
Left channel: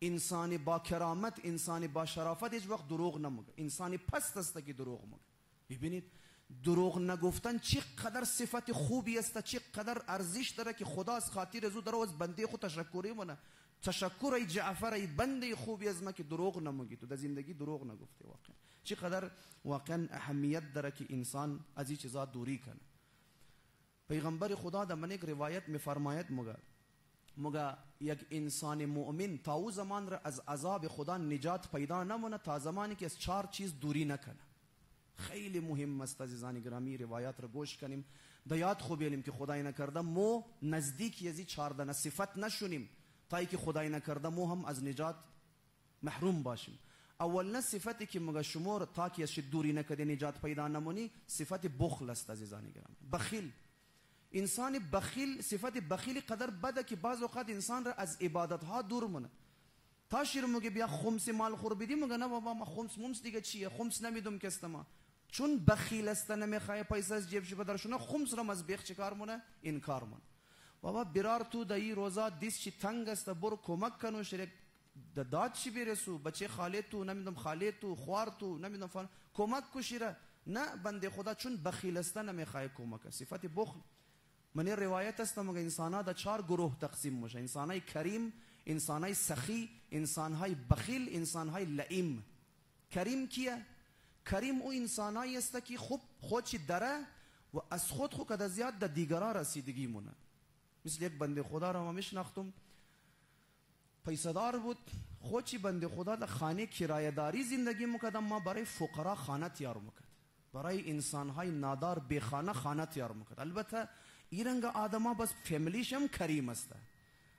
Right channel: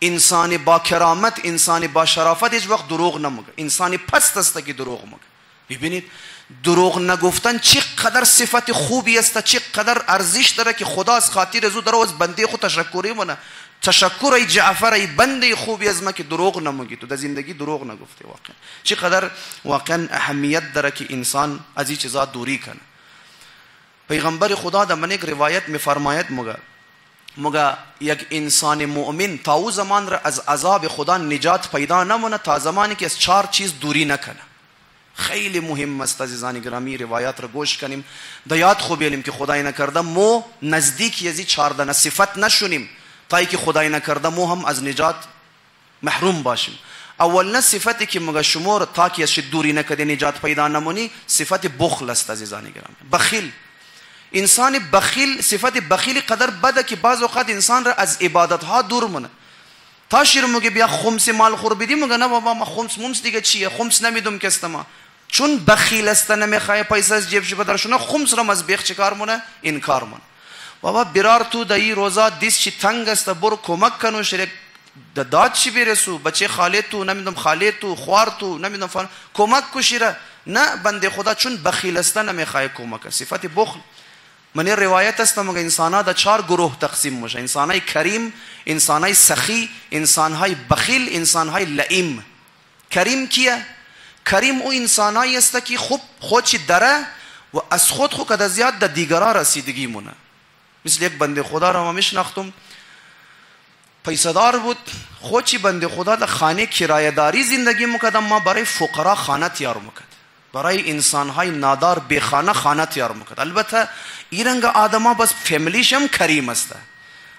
انسان با کرامت، انسان با شرافت هیچ وقت دروغ نمیگه. انسان پست است که دروغ میگه. ببینید دروغ نگفتن چقدر صفت خوبی است، چقدر ارزش داره که خدا از خاطر ازو داره از بنده خود تشکری مونه. تشکر ای جعفر ای بنده خوبی از ما که دروغ نمیگی، تو در زندگی دروغ نگفتی. واقعا چقدر واقعا اهمیت داره که انسان از این چیزا دوری کنه. پیغمبر خدا در من یک روایت میفرماید مگه یک انسان مؤمن تا او زمان را از عذاب خدا نجات پیدا نمونه تا زمانی که از 4 چیز دوری نکنه. خیلی مهم است عزیزان گرامی روایات را گوش کنیم، در یاد خوب بیاریم که خدای نکرده مو نزدیک یزی 4 صفت نشونیم تا ای که خدای نکرده مو هم از نجات محروم باشیم. اول صفتی که مگه شمور تا که از دوری نکده نجات پیدا نمونی صفت بخل است عزیزان گرامی. بخیل، انسان بخیل، صفت بخیل قدر بده که بعض اوقات انسان را از عبادت ها دور مونه. تا شیر مگه بیا خمس مال خور بدی، مگه نه بابا ما خمس دیگه چیه، خمس نمیدم کستما. چون بخیل است نمیخواه پیسه از جیبش بدرشونه، خمس را از بیخ چیکار مونه؟ انکار مونه. بابا برار تو دایی روزا دیس چی تنگ است، برو کمک کنو شریک داد چی برسو، بچه خاله تو نمیدم، خاله تو خوار تو نمیدم فلان، کمک کو شیره. نه بنده خدا چون بخیل است نمیخواه کمک. صفت بخل. من روایت است مگه انسان‌ها در 4 گروه تقسیم میشه: انسان‌های کریم، انسان‌های سخی، انسان‌های بخیل، انسان‌های لئیم. کریم کیه؟ کریم او انسان‌هایی است که خوب خودش داره و از خود کده زیاد در دیگران رسیدگی مونه. مثل یک بنده خدا را ما میشناختم، پیسه‌دار بود، خودی بنده خدا در خانه کرایه‌داری زندگی میکرد، اما برای فقرا خانه تیار میکرد، برای انسانهای نادار بی خانه خانه تیار میکرد. البته این رنگ آدما بس فامیلیش هم کریم است.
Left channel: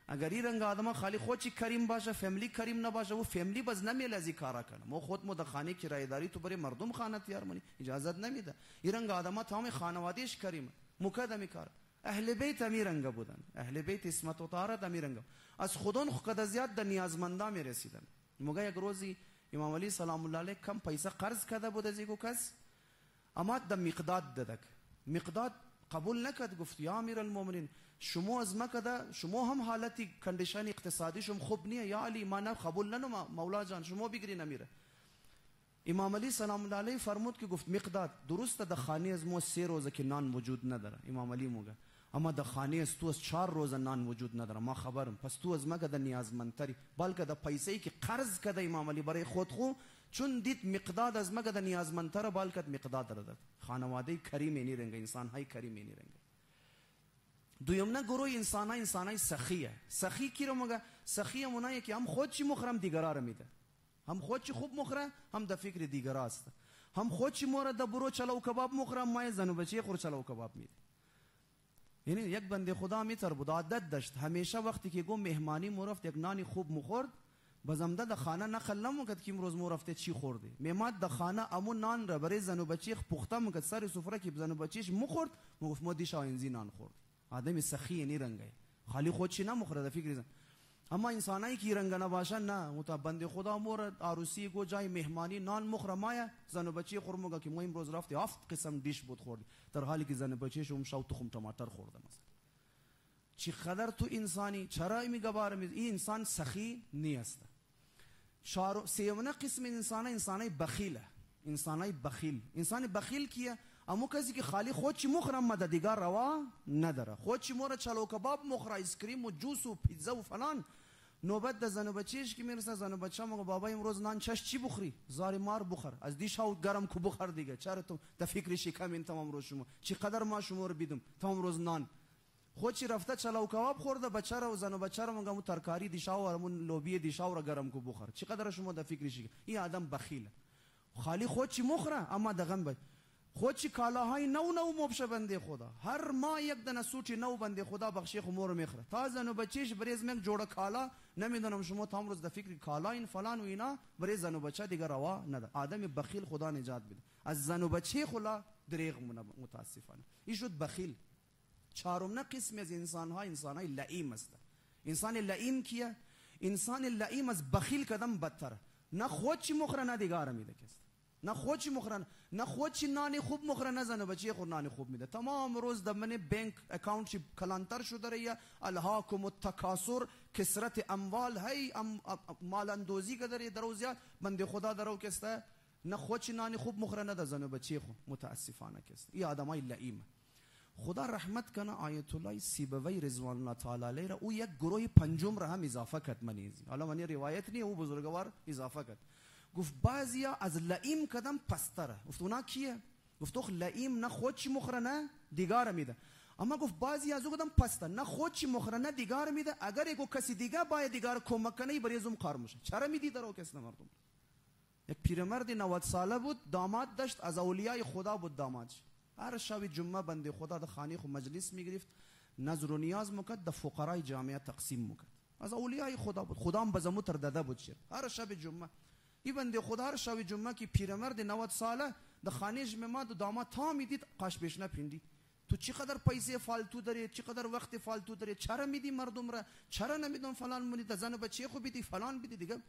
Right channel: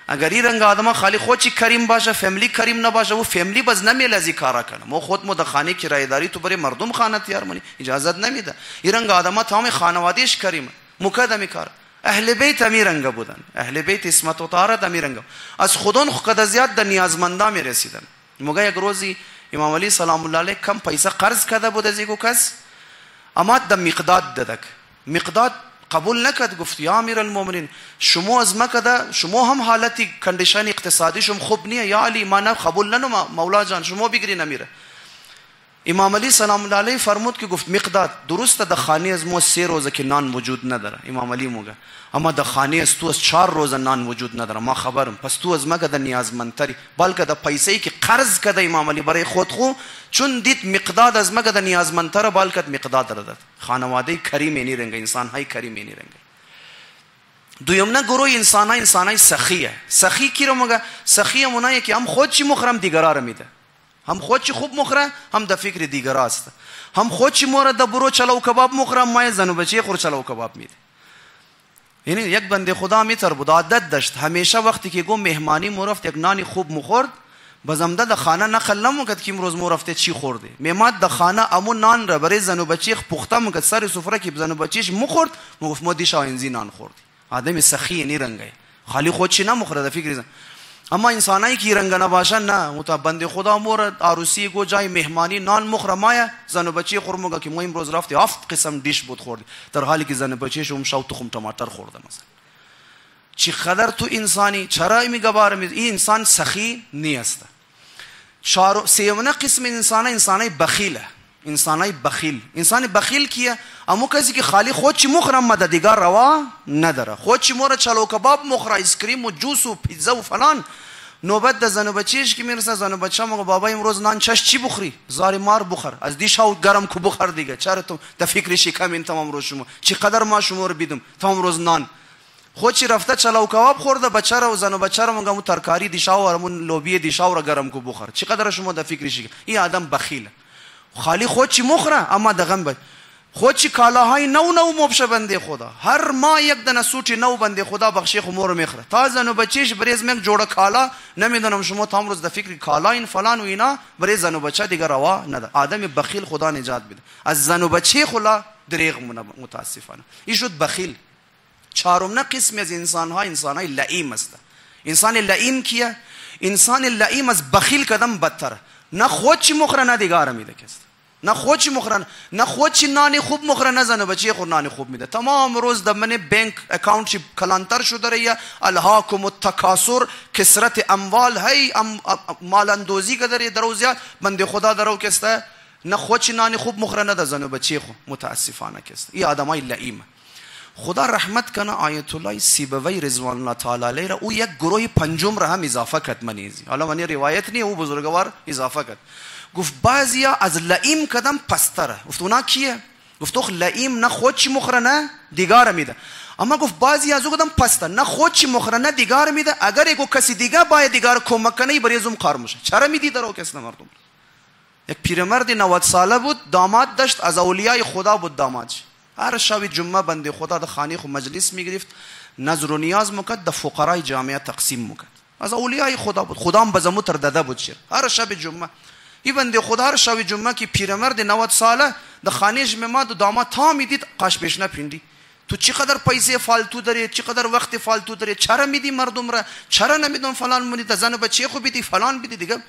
اگر این رنگ آدما خالی خودی کریم باشه، فامیلی کریم نباشه، و فامیلی بس نمیل از این کارا کنه. ما خود در خانه کرایه‌داری تو برای مردم خانه تیار منی اجازه نمیده. این رنگ آدما تمام خانوادهش کریم مقدمی کار. اهل بیت امیر رنگ بودن، اهل بیت اسمت و طهارت امیر رنگ. از خودون خود زیاد در نیازمندان می رسیدن. موقع یک روزی امام علی سلام الله علیه کم پیسه قرض کرده بود از یک کس، اما در مقداد دادک. مقداد قبول نکرد، گفت یا امیر المؤمنین شما از مکه، شما هم حالتی کندیشن اقتصادی شما خوب نیه، یا علی ما نه قبول ننو مولا جان شما بگیرین امیره. امام علی سلام الله علیه فرمود که گفت مقداد درسته در خانه از ما 3 روزه که نان وجود نداره، امام علی موگه، اما در خانه از تو از 4 روزه نان وجود نداره، ما خبرم، پس تو از مگه در نیازمندتری. بلکه در پیسه‌ای که قرض کرده امام علی برای خود خو، چون دید مقداد از مگه در نیازمندتر، بلکه مقداد داد. خانواده کریم اینی رنگ، انسان های کریم اینی رنگ. دویم نه گروه انسانای سخیه. سخی کی رو مگه؟ سخی اونایی که هم خود چی مخرم دیگرا رو میده، هم خود چی خوب مخره، هم در فکر دیگر است، هم خود چی مورد در برو چلو کباب مخره، مای زن و بچه خور چلو کباب میده. یعنی یک بنده خدا میتر بود، عادت داشت همیشه وقتی که گو مهمانی مورفت یک نانی خوب مخورد، بازمده در خانه نقل نموکد که امروز مورفته چی خورده، میماد در خانه امون نان را برای زن و بچه پخته مکد، سر سفره که زن و بچهش مخورد، مگفت ما دیشا اینزی نان خوردی. آدم سخی نی رنگه، خالی خود چی نمخوره در فکر زن. اما انسانایی که رنگ نباشن نه، متا بنده خدا مور عروسی گو جای مهمانی نان مخره مایه زن و بچه خورمگه که ما امروز رفتی 7 قسم دیش بود خوردی، در حالی که زن و بچه‌ش اون شو تخم ټماټر خورده. مثلا چی قدر تو انسانی چرا میگه بارم این انسان سخی نیست. سیمونه قسم انسانای بخیله. انسان بخیل کیه؟ امو کسی که خالی خود چی مخرم مده دیگر روا نداره، خود چی مورد چلو کباب مخره، ایسکریم و جوس و پیتزا و فلان. نوبت ده زن و بچهش که میرسه، زن و بچه مگه بابا امروز نان چی بخوری؟ زاری مار بخور، از دیشا گرم کو بخور دیگه. چرا تو در فکر شکم این تمام روز شما چی قدر ما شما رو بیدم تمام روز نان. خود چی رفته چلو کباب خورده، بچه رو زن و بچه رو مگه مو ترکاری دیشا و همون لوبی دیشا رو گرم کو بخور. چی قدر شما در فکر شکم؟ این آدم بخیله، خالی خود چی مخره اما دغم بد. خود چی کالاهای نو مبشه بنده خدا، هر ماه یک دانه سوتی نو بنده خدا بخشی خمور میخره. تا زن و بچهش بریز میک جوړه کالا نمیدونم شما تام روز د فکر کالا این فلان و اینا برای زن و بچه دیگه روا نده. آدم بخیل خدا نجات بده از زن و بچه خلا دریغ متاسفانه. این شد بخیل. چهارم نه قسم از انسانهای لئیم است. انسان لئیم کیه؟ انسان لئیم از بخیل کدم بدتره. نه خود چی مخره نه دیگاره میده کس، نه خود چی مخره، نه خود چی نانی خوب مخره، نه زن و بچه خود نانی خوب میده. تمام روز در من بانک اکاونت چی کلانتر شده ریا، الهاکم التکاثر، کثرت اموال هی مال اندوزی که داره درو زیاد بنده خدا درو کسته. نه خود چی نانی خوب مخره نه زن و بچه خود متاسفانه کسته. این آدمای لئیم. خدا رحمت کنه آیت الله سیبوی رضوان الله تعالی علیه را او یک گروه پنجم را هم اضافه کرد منیزی. حالا منی روایت نی، او بزرگوار اضافه کرد. گفت بعضیا از لئیم کدم پستره. گفت اونا کیه؟ گفت تو لئیم نه خود چی مخره نه دیگار میده، اما گفت بعضی از او کدم پسته، نه خود چی مخره نه دیگار میده. اگر یکو کسی دیگه باید دیگار کمک کنه برای زوم کار میشه. چرا میدی درو کس مردم؟ یک پیرمرد 90 ساله بود، داماد داشت، از اولیای خدا بود دامادش. هر شب جمعه بنده خدا در خانه خو مجلس میگرفت، نظر و نیاز میکرد، در فقرای جامعه تقسیم میکرد. از اولیای خدا بود، خدا هم بزمو تر داده بود شیر. هر شب جمعه این بنده خدا هر شب جمعه که پیرمرد 90 ساله در خانهش میمد و داماد تا میدید قاش پیش نپیندی. تو چقدر پیسه فالتو داری، چقدر وقت فالتو داری، چرا میدی مردم را، چرا نمیدون فلان مونی، زن و بچه خو بیدی فلان بیدی دیگه.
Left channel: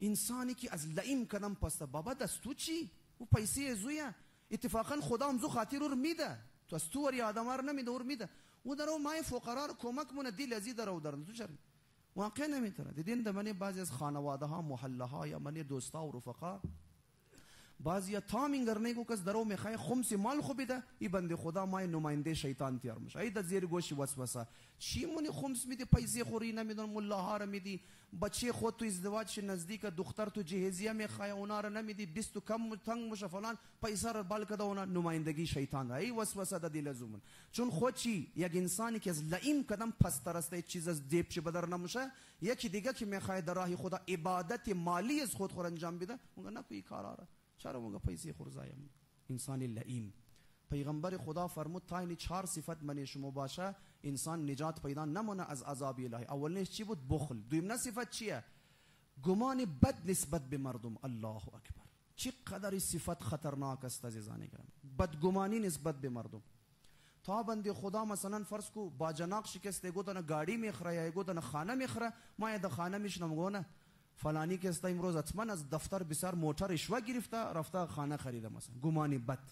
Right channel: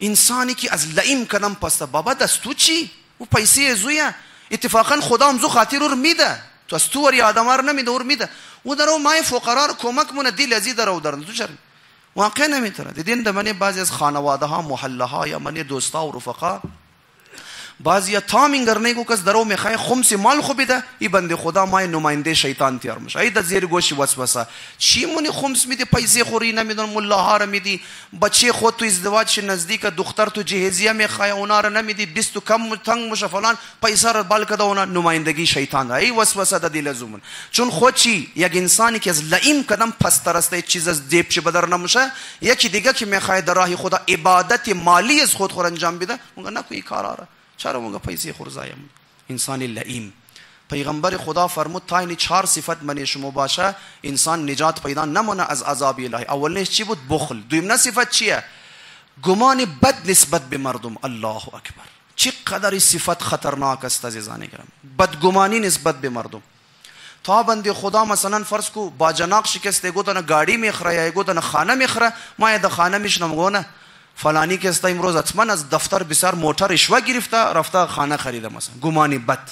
انسانی که از لئیم کدم پسته، بابا دستو چی؟ او پیسه زویه. اتفاقا خدا هم زو خاطر رو میده، تو از تو وری آدم رو نمیده اور میده. او درو مای فقرا رو کمک مونه دی لذی درو درن تو چرا واقع نمیتونه. دیدین در من بعضی از خانواده ها، محله ها یا من دوستا و رفقا بعضیا تامین کرنے کو کس درو میخوای خمس مال خو بده ای بنده خدا مای نماینده شیطان تیار میشه ای د زیر گوشی وسوسه چی مونی خمس میدی پیسه خوری نمیدون ملا ها رو میدی بچه خود تو ازدواج نزدیک دختر تو جهیزیه میخوای اونا رو نمیدی 20 کم تنگ مشه فلان پیسه رو بال کده اونا نمایندگی شیطان ای وسوسه د دل زومن چون خود چی یک انسانی که از لئیم کدم پس ترسته چیز از دیپ چه بدر نمیشه یکی دیگه که میخوای در راه خدا عبادت مالی از خود خور انجام بده اونگه نکوی کارا چرا مونگا پیسه خورزایم انسان لئیم پیغمبر خدا فرمود تا این 4 صفت من شما باشه انسان نجات پیدا نمونه از عذاب الهی اولش چی بود بخل دویم صفت چیه گمان بد نسبت به مردم الله اکبر چقدر صفت خطرناک است عزیزان گرامی بدگمانی نسبت به مردم تا بنده خدا مثلا فرض کو با جناق شکسته گو دنا گاڑی میخره یا گو دنا خانه میخره ما د خانه میشنم گونه فلانی که است امروز حتما از دفتر بسیار موتر رشوه گرفته رفته خانه خریده مثلا گمانی بد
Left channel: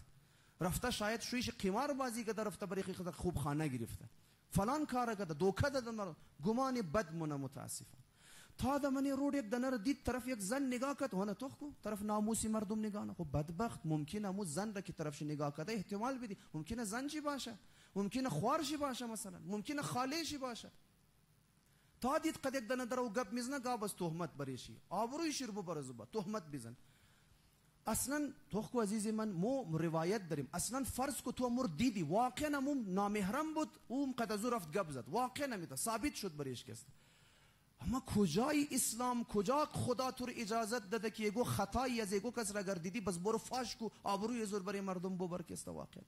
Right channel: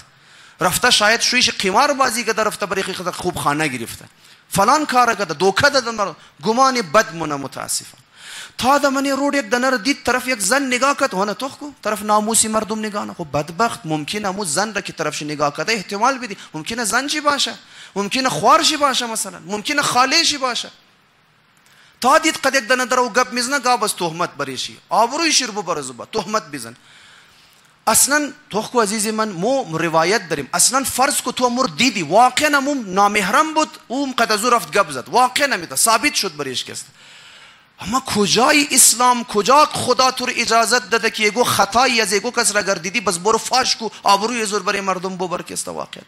رفته شاید شویش قمار بازی کرده رفته برای خود خوب خانه گرفته فلان کار کرده دوکه داده گمانی بد مونه متاسفانه تا دمنی رود یک دنر دید طرف یک زن نگاه کرد هونه تو کو طرف ناموسی مردم نگاه نه خب بدبخت ممکنه مو زن را که طرفش نگاه کرده احتمال بدی ممکنه زن چی باشه ممکنه خوار چی باشه مثلا ممکنه خاله چی باشه تا دید قد یک دنه درو گپ میزنه گاب از تهمت بریشی آبروی شربو برزوبا تهمت بزن اصلا تو کو عزیز من مو روایت داریم اصلا فرض کو تو امور دیدی واقعا مو نامحرم بود اون قد از رفت گپ زد واقعا نمیده ثابت شد بریش کست اما کجای اسلام کجا خدا تو اجازت داده که یگو خطایی از یگو کس را گردیدی بس برو فاش کو آبروی زور برای مردم ببر کست واقعا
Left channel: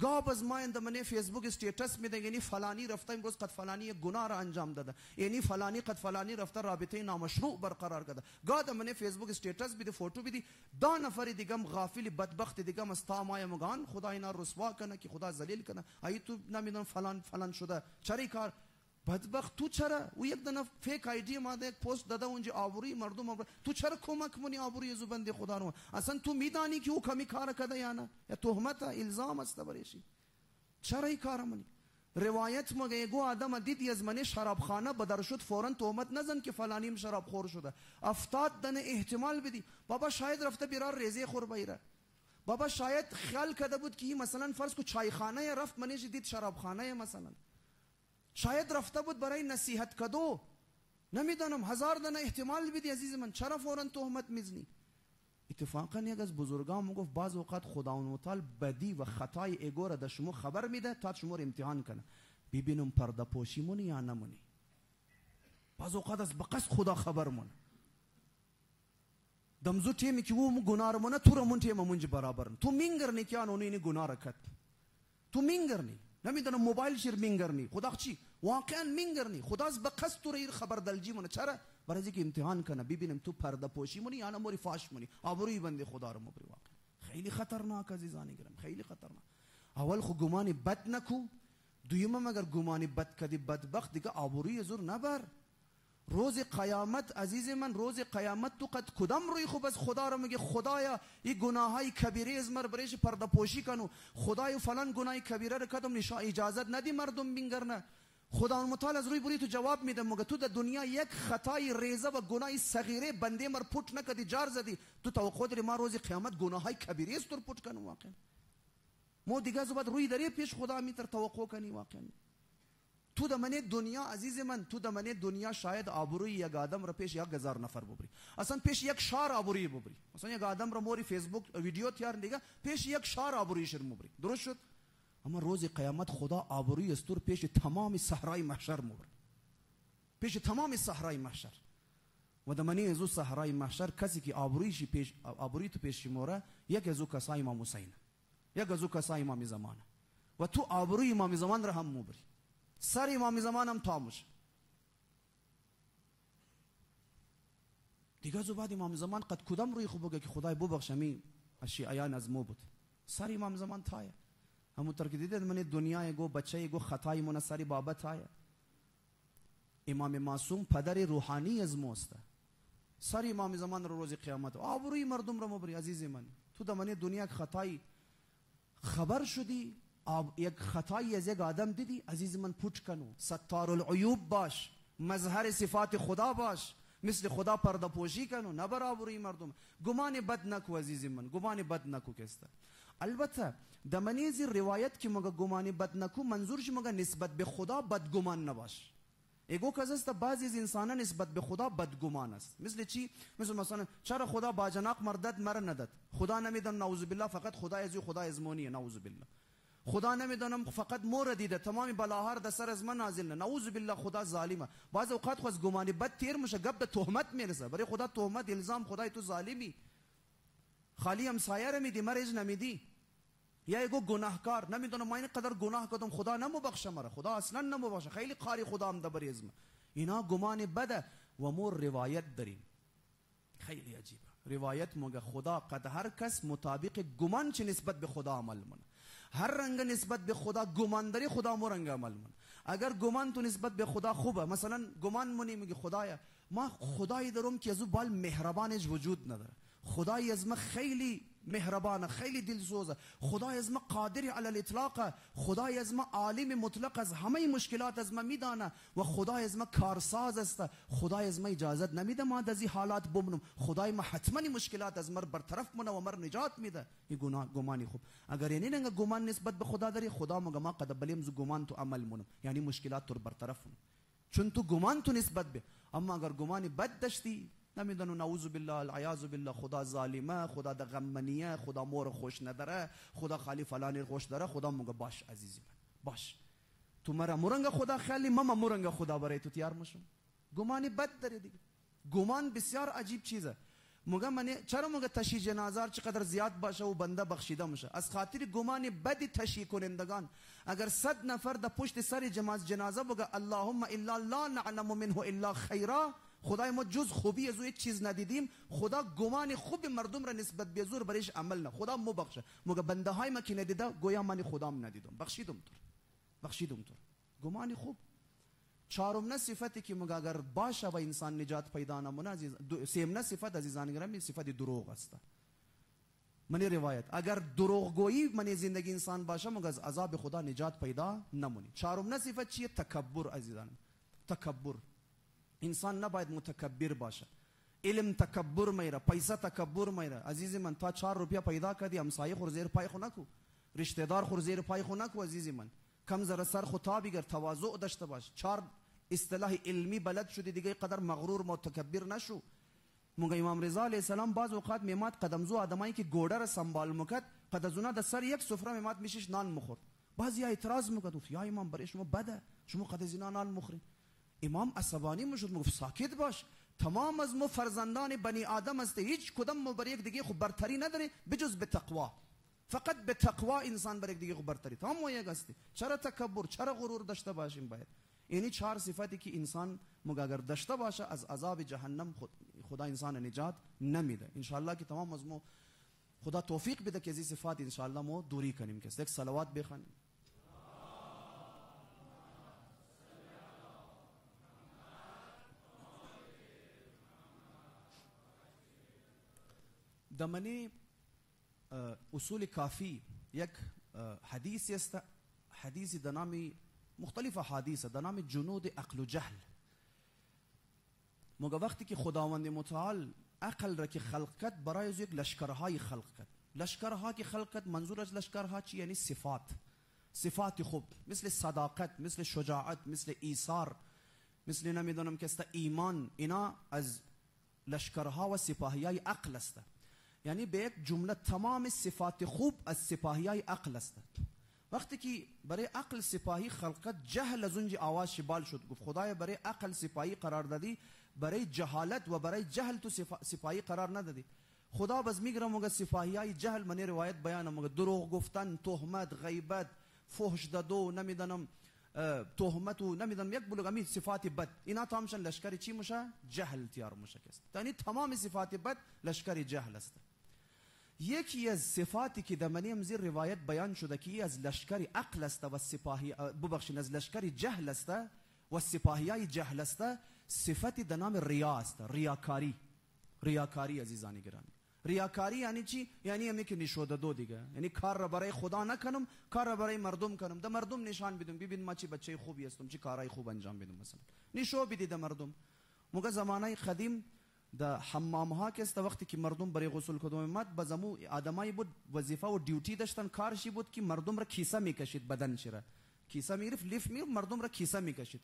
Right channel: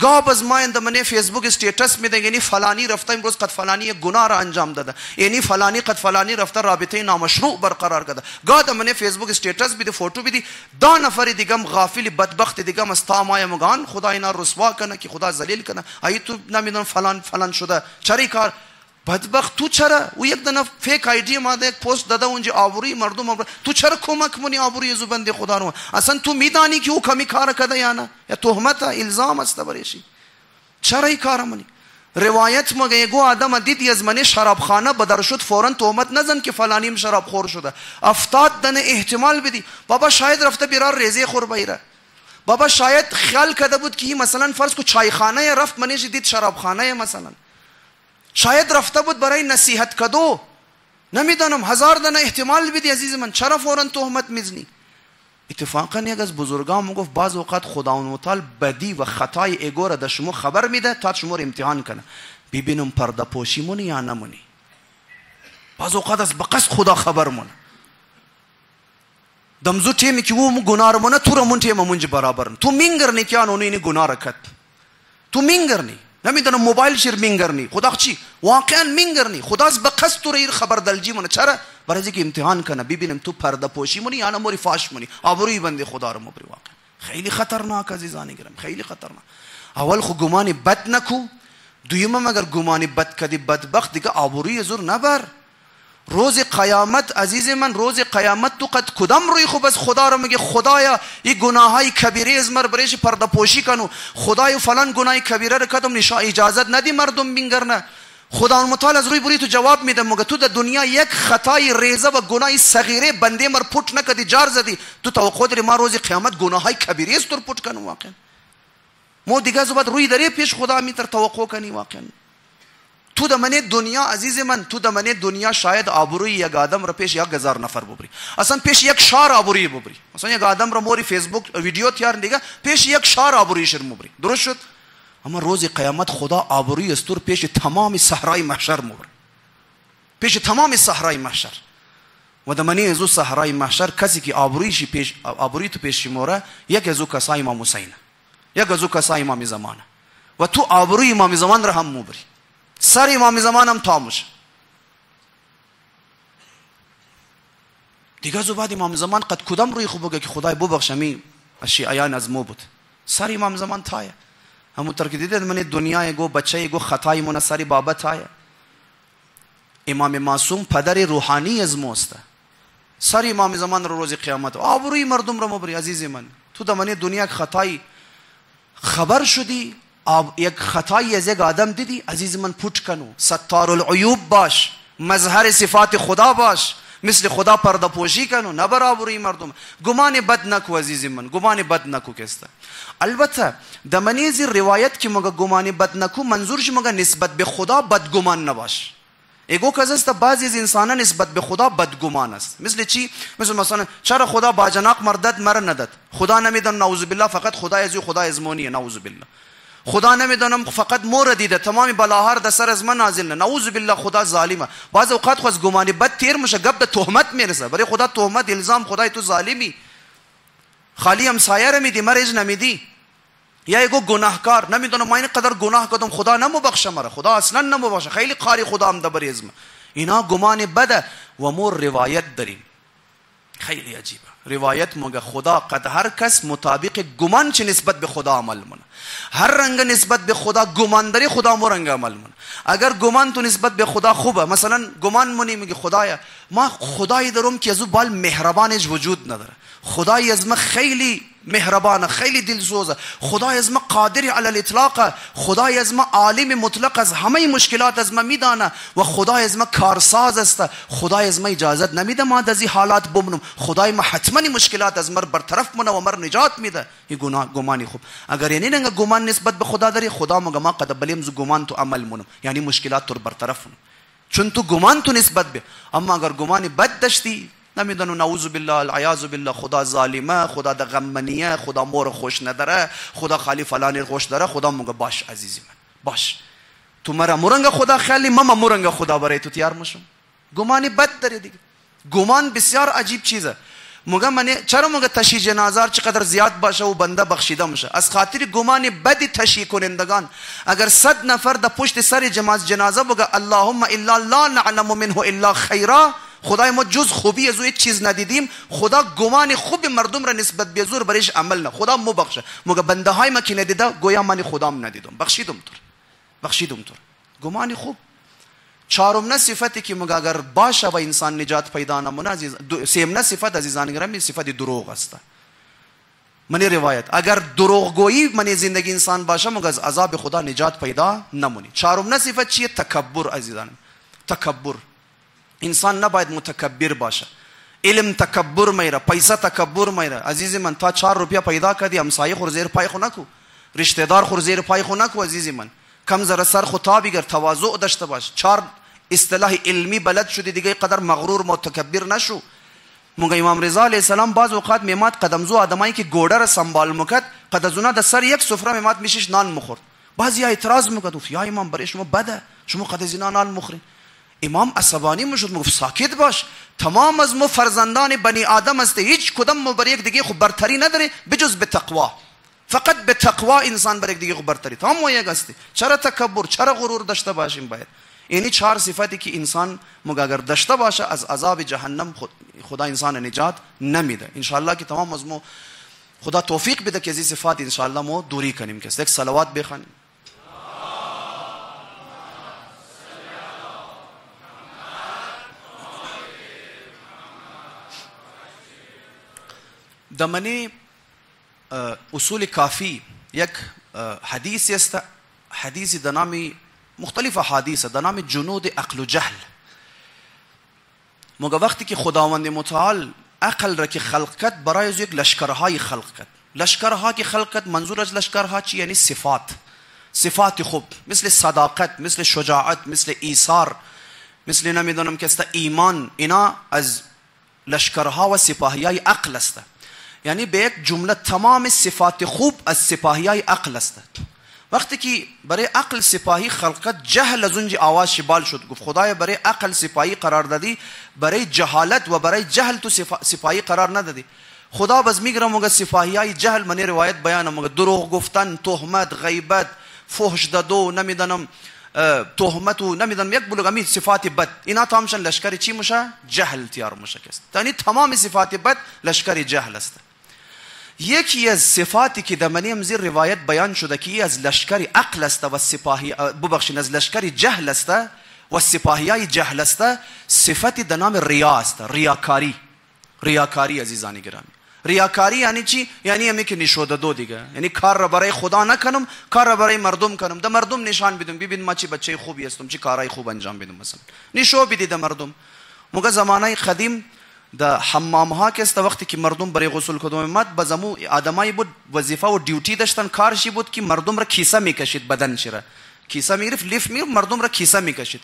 گاب از ما اندمنه فیسبوک استیٹس میده یعنی فلانی رفته امروز قد فلانی گناه را انجام داده یعنی فلانی قد فلانی رفته رابطه نامشروع برقرار کرده گاد من فیسبوک استیٹس بیده فوتو بیدی دا نفر دیگم غافل بدبخت دیگم از تامای مگان خدا اینا رسوا کنه که خدا ذلیل کنه ای تو نمیدون فلان فلان شده چری کار بدبخت تو چرا او یک دنه فیک آیدی ماده یک پست داده اونجا آوری مردم تو چرا کمک منی آوری زبنده خدا رو اصلا تو میدانی که او کمی کار کرده یا نه یا تهمت الزام است بریشی چرا این کار منی روایت مگه گو آدم دید از من شرابخانه بدر شد فورا تهمت نزن که فلانیم شراب خور شده 70 دنه احتمال بدی بابا شاید رفته بیرار ریزه خور بیره بابا شاید خیال کرده بود که مثلا فرض کو چایخانه رفت منیش دید شرابخانه مثلا شاید رفته بود برای نصیحت کدو نمیدانم 1000 دنه احتمال بدی عزیز من چرا فورا تهمت میزنی اتفاقا یک از بزرگان میگفت بعض اوقات خداوند متعال بدی و خطای ایگو را در شما خبر میده تا شما رو امتحان کنه ببینم پرده پوشی مونی یا نمونی بعض اوقات از بقصد خدا خبر مونه دمزو تیمی که او گناه رو مونه تو رو مون تیم منج برابرن تو مینگرنی که آنونی این گناه را کد تو مینگرنی نمیدونم موبایل شیر مینگرنی خدا چی واقعا مینگرنی خدا از بقصد تو رو خبر دلجی مونه چرا برای اینکه امتحان کنه ببینم تو پرده پوشی مونی یا نموری فاش مونی آبروی بنده خدا رو مبری واقعا خیلی خطرناک عزیزان گرامی خیلی خطرناک اول خو گمانی بد نکو دویم اگر گمانی بد کدی بدبخت دیگه آبروی زور نبر روز قیامت عزیز من روز قیامت تو قد کدام روی خوب از خدا رو میگه خدایا این گناهای کبیره از مر برایش پرده پوشی کنو خدایا فلان گناه کبیره رو کدام اجازت ندی مردم بینگرنه خدا متعال از روی بری تو جواب میده مگه تو در دنیا یک خطای ریزه و گناه صغیره بنده مر پوت نکدی جار زدی تو توقع داری ما روز قیامت گناهای کبیره است تو پوت کنو واقعا مو دیگه زباد روی داری پیش خدا میتر توقع کنی واقعا تو در من دنیا عزیز من تو در من دنیا شاید آبروی یک آدم را پیش 1000 نفر ببری اصلا پیش یک شهر آبروی ببری مثلا یک آدم را موری فیسبوک ویدیو تیار دیگه پیش یک شهر آبروی شر مبری درست شد اما روز قیامت خدا آبروی استور پیش تمام صحرای محشر مبری پیش تمام صحرای محشر و در من ازو صحرای محشر کسی که آبرویش پیش آبروی تو پیش موره یک ازو کسای امام حسین یک ازو کسای امام زمان و تو آبروی امام زمان را هم مبری سر امام زمان هم تاموش دیگه زو بعد امام زمان قد کدام روی خوب بگه که خدای ببخشمی اشیاء از مو بود سر امام زمان تایه همون ترک دیده من دنیا گو بچه گو خطای من سر بابا تایه امام معصوم پدر روحانی از موسته سر امام زمان رو روز قیامت آبروی مردم رو مبری عزیز من تو در من دنیا خطای خبر شدی یک خطایی از یک آدم دیدی عزیز من پوچ کنو ستار العیوب باش مظهر صفات خدا باش مثل خدا پرده پوشی کنو نه برابری مردم. گمان بد نکو عزیز من، گمان بد نکو کسته. البته در منیزی روایت که مگه گمان بد نکو منظورش مگه نسبت به خدا بدگمان نباش. ایگو کزست بعضی از انسانان نسبت به خدا بدگمان است. مثل چی؟ مثلا چرا خدا باجناق مردد مر نداد؟ خدا نمیدن نعوذ بالله فقط خدا از خدا ازمونیه نعوذ بالله. خدا نمیدونم فقط مور دیده تمام بلاهار در سر از من نازل نه نعوذ بالله خدا ظالمه. بعض اوقات خو از گمان بد تیر میشه گپ د تهمت میرسه برای خدا تهمت الزام خدای تو ظالمی خالی همسایه رو میدی مرج نمیدی یا ایگو گناهکار نمیدونم ما این قدر گناه کردم خدا نمبخشه مرا خدا اصلا نمبخشه خیلی قاری خدا هم دبر ازم اینا گمان بده و مور روایت داریم خیلی عجیبه روایت مگه خدا قد هر کس مطابق گمان چه نسبت به خدا عمل منه هر رنگ نسبت به خدا گمان داری خدا مو رنگ عمل منه اگر گمان تو نسبت به خدا خوبه مثلا گمان منی میگه خدایا ما خدایی دارم که ازو بال مهربانش وجود نداره خدای از ما خیلی مهربانه خیلی دلسوزه خدای از ما قادر علی الاطلاق خدای از ما عالم مطلق از همه مشکلات از ما میدانه و خدای از ما کارساز است خدای از ما اجازت نمیده ما از این حالات بمونم خدای ما حتما مشکلات از مر برطرف منه و مر نجات میده این گمانی خوب اگر یعنی نگه گمان نسبت به خدا داری خدا مگه ما قد بلیم ز گمان تو عمل منم یعنی مشکلات تو برطرف منم چون تو گمان تو نسبت به اما اگر گمان بد داشتی نمیدونم نعوذ بالله العیاذ بالله خدا ظالمه خدا د غمنیه خدا مور خوش نداره خدا خالی فلانی خوش داره خدا مگه باش عزیزی من باش تو مرا مرنگ خدا خیلی ماما مرنگ خدا برای تو تیار میشم گمانی بد داره دیگه گمان بسیار عجیب چیزه مگه من چرا مگه تشییع جنازه چقدر زیاد باشه و بنده بخشیده میشه از خاطر گمان بد تشییع کنندگان اگر 100 نفر در پشت سر جنازه بگه اللهم الا لا نعلم منه الا خیرا خدای ما جز خوبی از او هیچ چیز ندیدیم خدا گمان خوب مردم را نسبت به زور برایش عمل نه خدا مو بخشه مگه بنده های ما که ندیده گویا من خدام ندیدم بخشیدم تو گمان خوب چهارم نه صفتی که مگه اگر باشه و انسان نجات پیدا نمونه عزیز سیم نه صفت عزیزان گرامی صفت دروغ است من روایت اگر دروغگویی من زندگی انسان باشه مگه از عذاب خدا نجات پیدا نمونی چهارم نه صفت چیه تکبر عزیزان تکبر انسان نباید متکبر باشه علم تکبر میره پیسه تکبر میره عزیز من تا 4 روپیه پیدا کردی همسایه خور زیر پای خو نکو رشتہ دار خور زیر پای خو نکو عزیز من کم ذره سر خو تا بگیر تواضع داشته باش 4 اصطلاح علمی بلد شدی دیگه قدر مغرور متکبر نشو مونږ امام رضا علیه السلام بعض اوقات میمات قدمزو آدمایی که گوډه را سنبال میکرد قدزونه د سر یک سفره میمات میشش نان میخورد بعضی اعتراض میکرد یا امام برای شما بده شما قدزینا نان مخورین امام عصبانی میشد میگفت ساکت باش تمام از ما فرزندان بنی آدم است هیچ کدام ما بر یک دیگه خو برتری نداره بجز به تقوا فقط به تقوا انسان بر یک دیگه خو برتری تمام یک است چرا تکبر چرا غرور داشته باشیم باید اینی 4 صفاتی که انسان مگر داشته باشه از عذاب جهنم خدا انسان نجات نمیده ان شاء الله که تمام از ما خدا توفیق بده که از این صفات ان شاء الله ما دوری کنیم که یک صلوات بخوانیم دمنی اصول کافی یک حدیث است حدیث د نامی مختلف حدیث د نام جنود عقل و جهل مگه وقتی که خداوند متعال عقل را که خلق کرد برای از یک لشکرهای خلق کرد لشکرها که خلق کرد منظور از لشکرها چی یعنی صفات خوب مثل صداقت مثل شجاعت مثل ایثار مثل نمیدونم که است ایمان اینا از لشکرها و سپاهیای عقل است یعنی به یک جمله تمام صفات خوب از سپاهیای عقل است وقتی که برای عقل سپاهی خلقت جهل از اونجا آواز شبال شد گفت خدای برای عقل سپاهی قرار دادی برای جهالت و برای جهل تو سپاهی قرار ندادی خدا باز میگره مگه سپاهیای جهل من روایت بیان مگه دروغ گفتن تهمت غیبت فحش دادو نمیدونم تهمت و نمیدونم یک بلوغمی صفات بد اینا تامشن لشکر چی میشه جهل تیار میشه است یعنی تمام صفات بد لشکر جهل است یکی از صفاتی که در منیم زیر روایت بیان شده که از لشکر عقل است و سپاهی ببخشید از لشکر جهل است و سپاهیای جهل است صفتی در نام ریا است ریاکاری عزیزان گرامی ریاکاری یعنی چی یعنی همی که نشوده دو دیگه یعنی کار را برای خدا نکنم کار را برای مردم کنم در مردم نشان بدم ببین ما چی بچه خوبی هستم چی کارهای خوب انجام بدم مثلا نشو بدید در مردم موقع زمانه قدیم در حمام ها که است وقتی که مردم برای غسل کدوم مد بزمو آدمایی بود وظیفه و دیوتی داشتن کارشی بود که مردم را کیسه میکشید بدن چرا کیسه میگرفت لیف میگرفت مردم را کیسه میکشید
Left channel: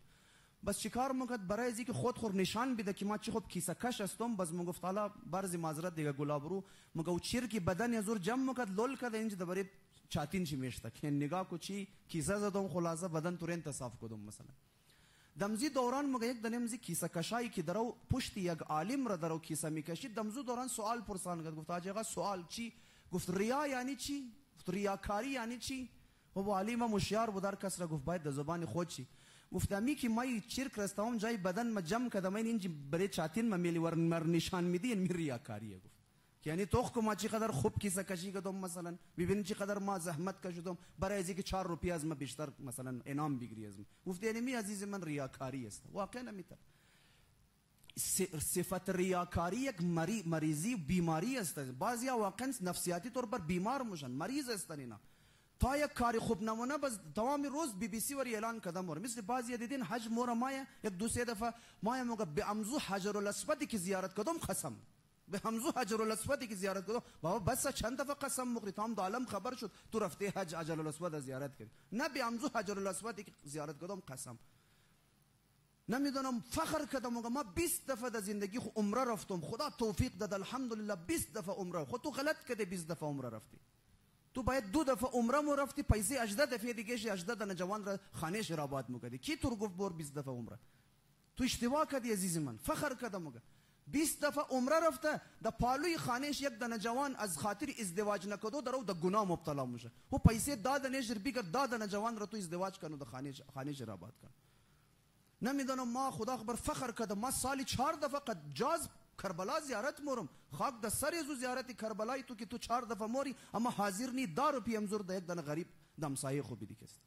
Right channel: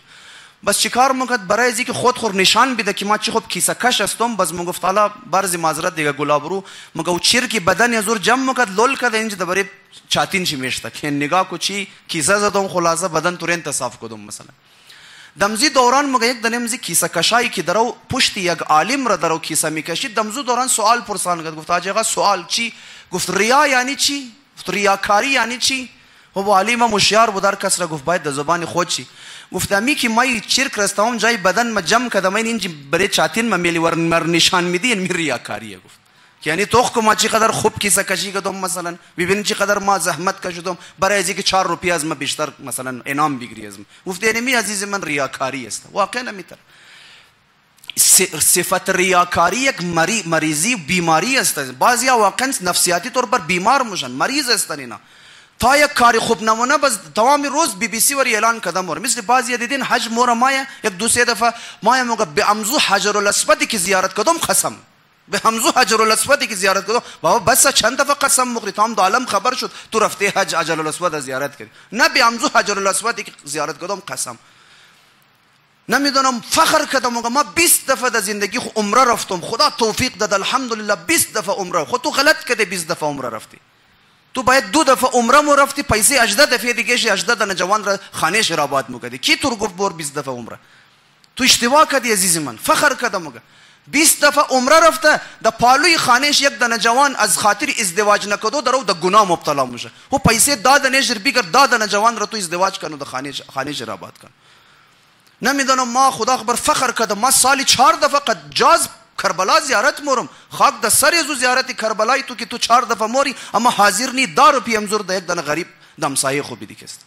بس چیکار میکرد برای از اینکه خود خور نشان بده که ما چی خوب کیسه کش هستم بس میگفت حالا برز معذرت دیگه گلابرو مگه او چیر که بدن ازور جمع میکرد لول کرد اینجا برای چاتین چی میشته که نگاه کو چی کیسه زدم خلاصه بدن تورنت صاف کدوم مثلا دمزی دوران مگه یک دنمزی کیسه کشایی که درو پشت یک عالم را درو کیسه میکشید دمزو دوران سوال پرسان کرد گفت آجا سوال چی گفت ریا یعنی چی گفت ریاکاری یعنی چی و عالم مشیار بود در کس را گفت باید در زبان خود چی گفت امی که ما چرک رستم جای بدن ما جمع کردم این برای چاتین ما میلی ور نشان میدی این ریاکاریه گفت یعنی تو ما چقدر خوب کیسه کشی کردم مثلا ببین چقدر ما زحمت کشیدم برای اینکه 4 روپیه از ما بیشتر مثلا انعام بگیری از من گفت یعنی می عزیز من ریاکاری است واقعا نمیتر صفت ریاکاری یک مریضی بیماری است بعضیا واقعا نفسیاتی طور پر بیمار میشن مریض هستن اینا تا یک کاری خوب نمونه بس تمام روز BBC ور اعلان کردم مور مثل بعضی دیدین حج مور مایا یک دو سه دفعه مایا موقع به امزو حجر الاسود کی زیارت کردم قسم به امزو حجر الاسود کی زیارت کردم بابا بس چند دفعه قسم مخری تمام عالم خبر شد تو رفته حج حجر الاسود زیارت کردی نه به امزو حجر الاسود کی زیارت کردم قسم نمیدونم فخر کردم ما 20 دفعه در زندگی عمره رفتم خدا توفیق داد الحمدلله 20 دفعه عمره خود تو غلط کردی 20 دفعه عمره رفتی تو باید 2 دفعه عمره مو رفتی پیسه 18 دفعه دیگه 18 دانه جوان را خانه شرابات میکردی کی تو گفت بور 20 دفعه عمره تو اشتباه کردی عزیز من فخر کردم مگه 20 دفعه عمره رفته در پالوی خانهش یک دانه جوان از خاطر ازدواج نکدو درو در گناه مبتلا میشه او پیسه دادن جر بیگر دادن جوان را تو ازدواج کنو در خانه شرابات کن نمیدونم ما خدا خبر فخر کردم ما سالی 4 دفعه قد جاز کربلا زیارت مورم خاک د سر یزو زیارت کربلای تو که تو 4 دفعه موری اما حاضر نی 10 روپیه امزور د یک دنه غریب دمسایه خوبی دیکست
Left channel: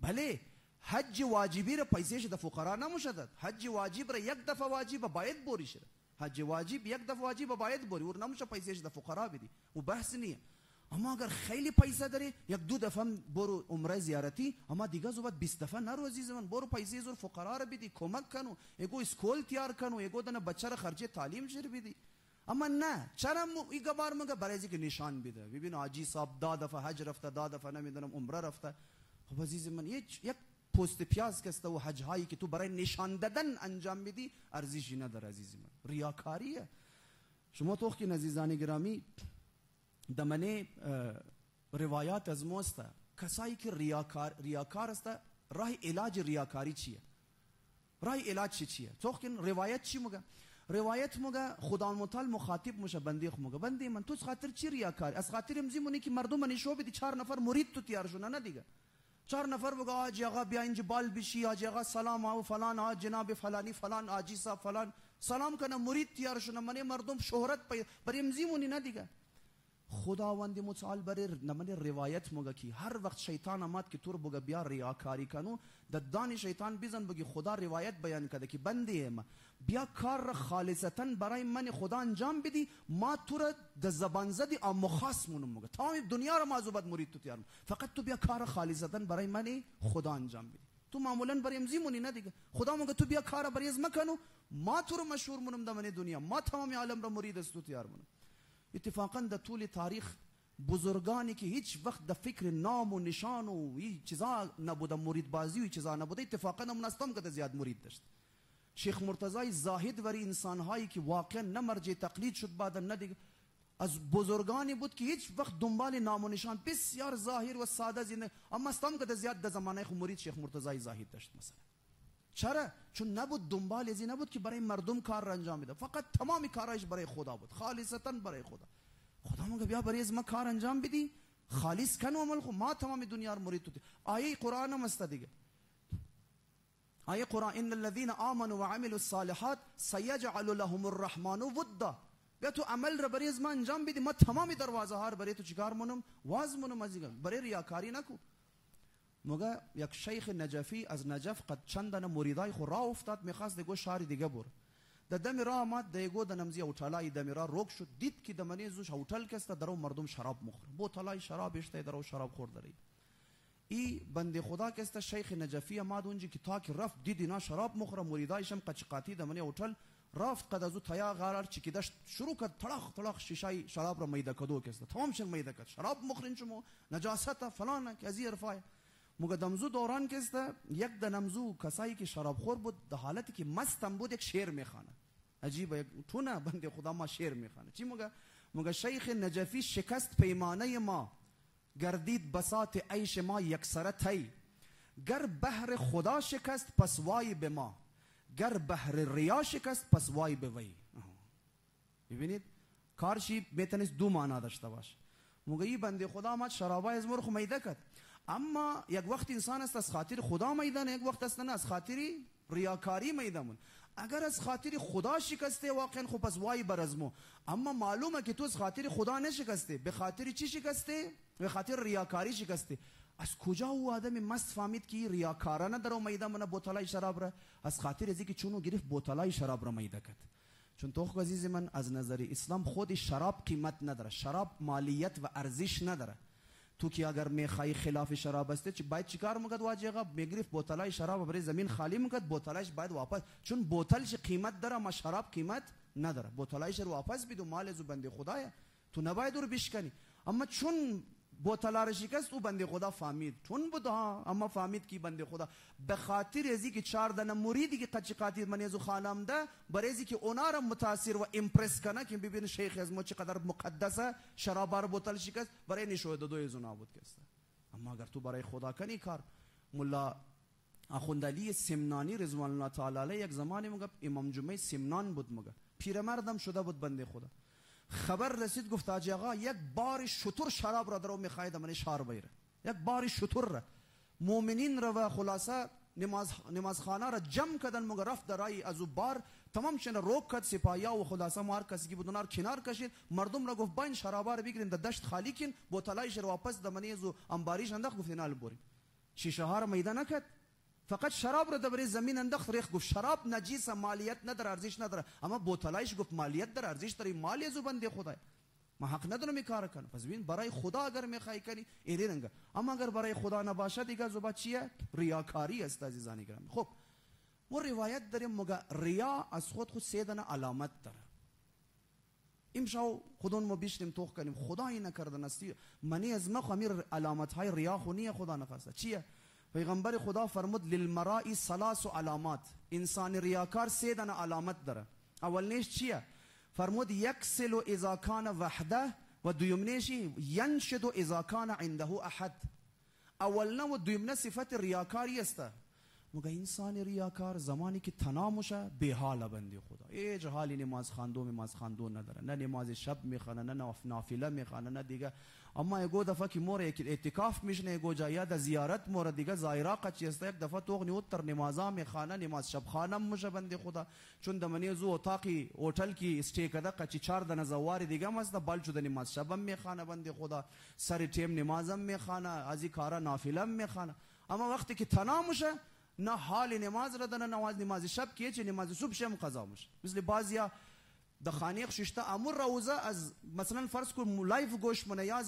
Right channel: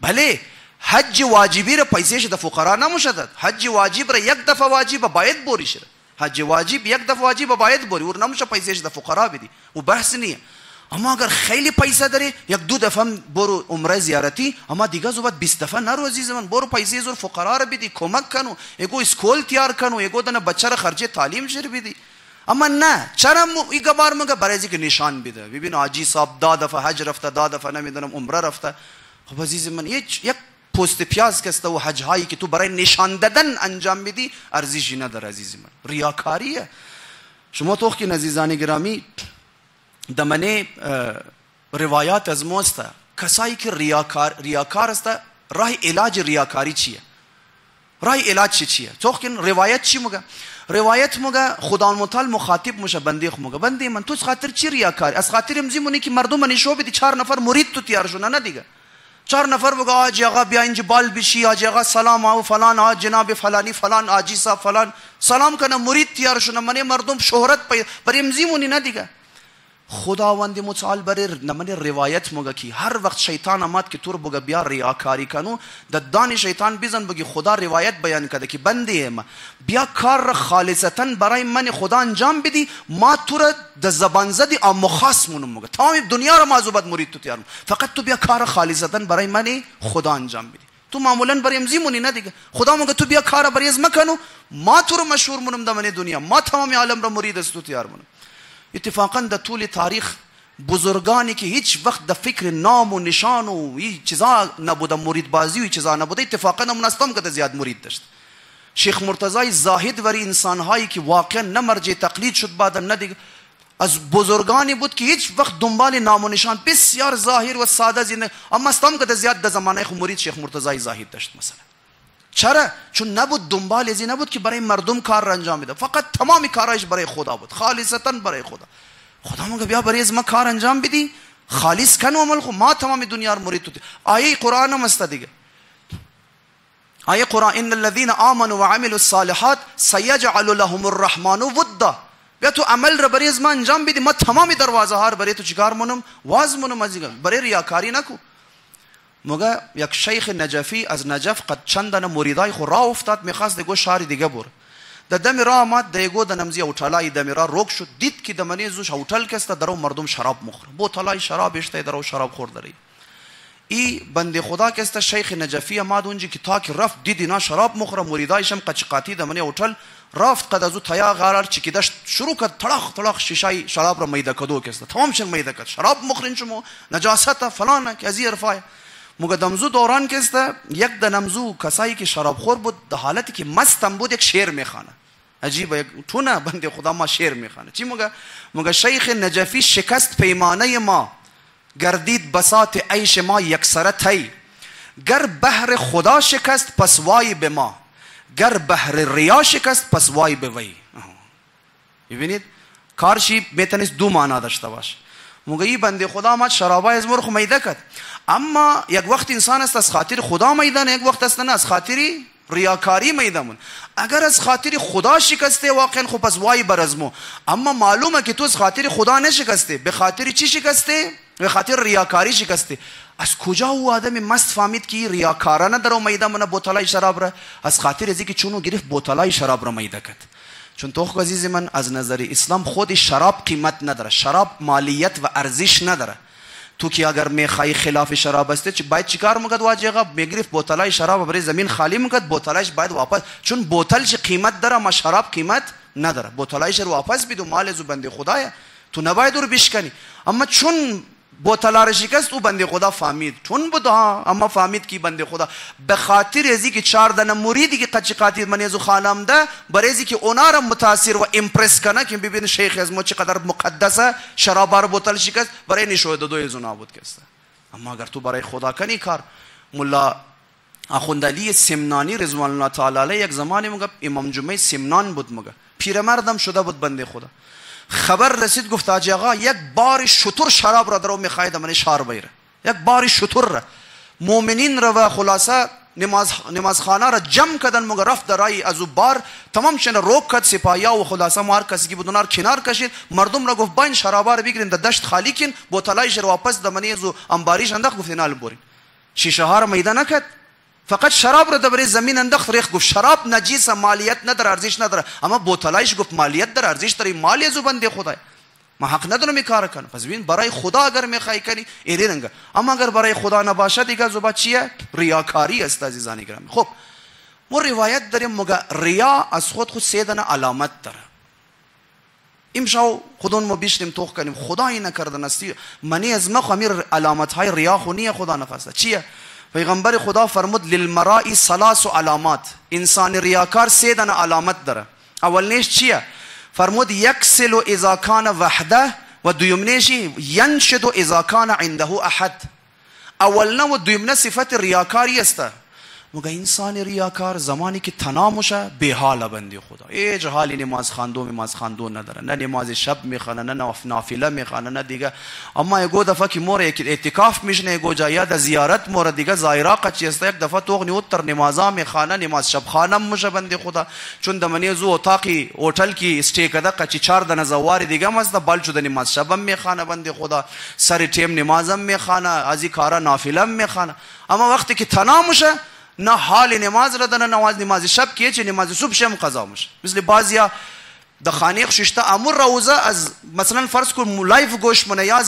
بله حج واجبی را پیسهش د فقرا نموشد حج واجب را یک دفعه واجب باید بوری شه حج واجب یک دفعه واجب باید بوری ور نموشه پیسهش د فقرا بدی و بحث نیه اما اگر خیلی پیسه داری یک 2 دفعه برو عمره زیارتی اما دیگه زوبت 20 دفعه نرو عزیز من برو پیسه زور فقرا را بدی کمک کنو یگو اسکول تیار کنو یگو دنه بچه را خرج تعلیم شر بدی اما نه چرا ایگه بار مگه برای اینکه نشان بده ببین حاجی صاحب 10 دفعه حج رفته 10 دفعه نمیدونم عمره رفته خب عزیز من یک پوست پیاز کسته و حج هایی که تو برای نشان دادن انجام بدی ارزشی نداره عزیز من ریاکاریه شما تو که عزیزان گرامی دمنه روایات از موسته کسایی که ریاکار است راه علاج ریاکاری چیه راه علاج چیه تو که روایت چی میگه روایت میگه خدا متعال مخاطب میشه بنده میگه بنده من تو خاطر چی ریاکاری از خاطر امزیمونی که مردم نشو بدی 4 نفر مرید تو تیار شونه نه دیگه 4 نفر بگه آج آقا بیا اینجا بال بشی آج آقا سلام آو فلان آج جناب فلانی فلان آجی صاحب فلان سلام کنه مرید تیار شونه من مردم شهرت پر امزیمونی نه دیگه خداوند متعال برای نمونه روایت مگه کی هر وقت شیطان آمد که تو رو بگه بیا ریاکاری کنو ددان شیطان بیزن بگی خدا روایت بیان کرده که بنده ما بیا کار را خالصتا برای من خدا انجام بدی ما تو را د زبان زدی اما خاص مونم مگه تمام دنیا را معذوبت مرید تو تیارم فقط تو بیا کار خالصتا برای من خدا انجام بدی تو معمولا برای امزیمونی نه دیگه خدا مگه تو بیا کار برای از مکنو ما تو رو مشهور مونم دمن دنیا ما تمام عالم را مرید است تو تیار مونم اتفاقا در طول تاریخ بزرگانی که هیچ وقت در فکر نام و نشان و این چیزا نبوده مرید بازی و این چیزا نبوده اتفاقا منستم که زیاد مرید داشت شیخ مرتضی زاهد وری انسانهایی که واقعا نه مرجع تقلید شد بعد نه دیگه از بزرگانی بود که هیچ وقت دنبال نام و نشان بسیار ظاهر و ساده زنده اما استم که زیاد در زمانه خود مرید شیخ مرتضی زاهد داشت مثلا چرا چون نبود دنبال ازی نبود که برای مردم کار را انجام بده فقط تمام کارایش برای خدا بود خالصتا برای خدا میگه بیا برای از ما کار انجام بدی خالص کنو عمل خو ما تمام دنیا رو مرید تو آیه قرآن هم است دیگه آیه قرآن ان الذين آمنوا وعملوا الصالحات سيجعل لهم الرحمن ودا بیا تو عمل را برای از ما انجام بدی ما تمام دروازه ها برای تو چیکار مونم واز مونم ازیگم برای ریاکاری نکو مگه یک شیخ نجفی از نجف قد چندان مریدای خو راه افتاد میخواست دیگه شهر دیگه بره د دم راه آمد دیگه د نمزی اوټلای دم راه روک شد دید که دمنی زوش هوټل کسته درو مردم شراب مخوره بوتلای شراب اشته درو شراب خور داری ای بنده خدا کسته شیخ نجفی آمد اونجا که تا که رفت دید اینا شراب مخوره مریدایشم قچقاتی دمنی اوټل رفت قد از او تیا قرار چکیدش شروع کرد تلاخ تلاخ شیشه شراب را میده کدو کسته تمام شن میده کرد شراب مخرین شما نجاست فلان که از رفای مگه دمزو دوران کسته یک دنمزو کسایی که شراب خور بود در حالتی که مستم بود یک شعر میخوانه عجیبه تو نه بنده خدا ما شعر میخوانه چی مگه شیخ نجفی شکست پیمانه ما گردید بساط عیش ما یکسره تی گر بحر خدا شکست پس وای به ما گر بحر ریا شکست پس وای به وی. ببینید کارشی میتونست دو معنا داشته باشه. موگه بنده خدا آمد شرابای از مرخ میده کرد، اما یک وقت انسان است از خاطر خدا میدن، یک وقت است نه از خاطر ریاکاری میدمون. اگر از خاطر خدا شکسته واقعا خب پس وای بر از مو، اما معلومه که تو از خاطر خدا نشکسته، به خاطر چی شکسته؟ به خاطر ریاکاری شکسته. از کجا او آدم مست فهمید که ریاکارانه در میده من بوتلای شراب را؟ از خاطر ازی که چونو گرفت بوتلای شراب را میده کرد. چون تو عزیز من از نظر اسلام خود شراب قیمت نداره، شراب مالیت و ارزش نداره. تو که اگر میخوای خلاف شراب است چه باید چیکار میکرد؟ واجبه میگرفت بوتلای شراب برای زمین خالی میکرد، بوتلایش باید واپس، چون بوتلش قیمت داره ما شراب قیمت نداره، بوتلایش رو واپس بدو، مال از بنده خداست، تو نباید رو بشکنی. اما چون بوتلا را شکست او بنده خدا فهمید، چون بود ها، اما فهمید که بنده خدا به خاطر ازی که 4 دانه مریدی که قچقاتی من ازو خانم ده، برای ازی که اونا را متاثر و امپرس کنه که ببین شیخ از ما چقدر مقدسه، شراب را بوتل شکست برای نشود دو ازو نابود کسته. اما اگر تو برای خدا کنی کار، مولا اخوند علی سمنانی رضوان الله تعالی علیه یک زمانی مگه امام جمعه سمنان بود، مگه پیرمردم شده بود بنده خدا. خبر رسید گفت حاجی آقا یک بار شتر شراب را درو میخواید من شار بیره، یک بار شتر را مؤمنین را و خلاصه نماز خانه را جمع کردن، مگر رفت درای از او بار تمام شن روک کرد، سپاهیا و خلاصه مار کسی که بود اونار کنار کشید، مردم را گفت باین شرابا را بگیرین در دشت خالی کن، بوتلایش را واپس دمنی از انباریش انداخت، گفت اینا برین. شیشه ها را میده نکرد، فقط شراب را در زمین انداخت ریخت، گفت شراب نجیسه، مالیت نداره، ارزش نداره، اما بوتلایش گفت مالیت داره، ارزش داره، مالی از بنده خدا، ما حق ندارم این کار کنم. پس ببین برای خدا اگر میخوای کنی این رنگه، اما اگر برای خدا نباشه دیگه زوبا چیه؟ ریاکاری است عزیزان گرامی. خب ما روایت داریم مگه ریا از خود 3 دانه علامت داره. امشو خودمون ما بیشتیم توخ کنیم خدایی نکردن استی منی از ما خمیر علامت های ریا خونی خدا نخواسته. چیه؟ پیغمبر خدا فرمود للمرائی 3 علامات، انسان ریاکار 3 دانه علامت داره. اولنیش چیه؟ فرمود یکسل اذا کان وحده، و دویمنیش ینشد اذا کان عنده احد. اولنا و دویمنه صفت ریاکاری است. مگه انسان ریاکار زمانی که تنها میشه به حال بنده خدا، هیچ حالی نماز خواندو نداره، نه نماز شب میخونه، نه نافله میخونه، نه دیگه. اما یگو دفعه که مور اعتکاف میشنه، یگو جایا د زیارت مور دیگه زایرا قچ است، یک دفعه توغنی اوتر نمازا میخونه، نماز شب خانم میشه بنده خدا، چون دمنی زو اتاقی هتل کی اسټی کده قچ 4 دنه زوار دیگه مست بل چود نماز شب میخونه بنده خدا، سر ټیم نمازم میخونه، ازی کارا نافله میخونه. اما وقتی که تنها میشه نه حال نماز را دنه، نماز شب که چه نماز صبح شم قضا میشه. مثل بعضیا د خانیق ششته امر روزه از مثلا فرض کو لایف گوش منه یا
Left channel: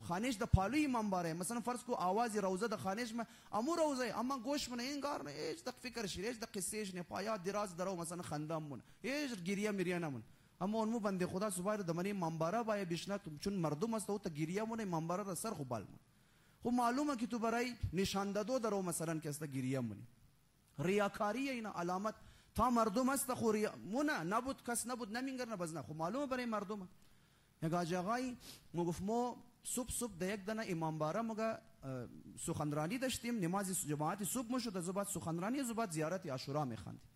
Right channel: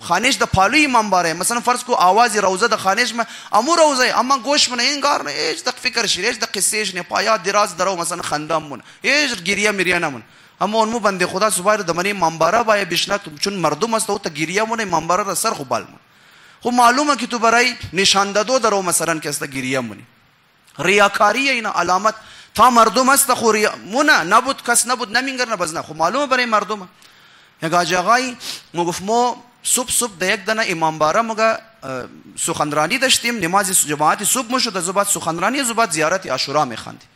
خانیش د پالوی منبره، مثلا فرض کو آواز روزه د خانیش ما امر روزه اما گوش منه این کار نه، هیچ د فکر شری، هیچ د قصهش نه پایا دراز درو مثلا خندام من، هیچ گریه میریه نمون. اما اون مو بنده خدا صبح د منی منبره بای بشنه، چون مردم است او ته گریه مون منبره را سر خو بال. خب معلومه که تو برای نشان دادو درو مثلا که است گریه مونی، ریاکاری اینا علامت تا مردم است خو ریا مونه نبود، کس نبود نمینگر نه بزنه، خب معلومه برای مردم. یک آقای مگفت ما صبح د یک دنه امام باره مگه سخنرانی داشتیم، نماز جماعت صبح مشد، از بعد سخنرانی، از بعد زیارت عاشورا میخواندیم.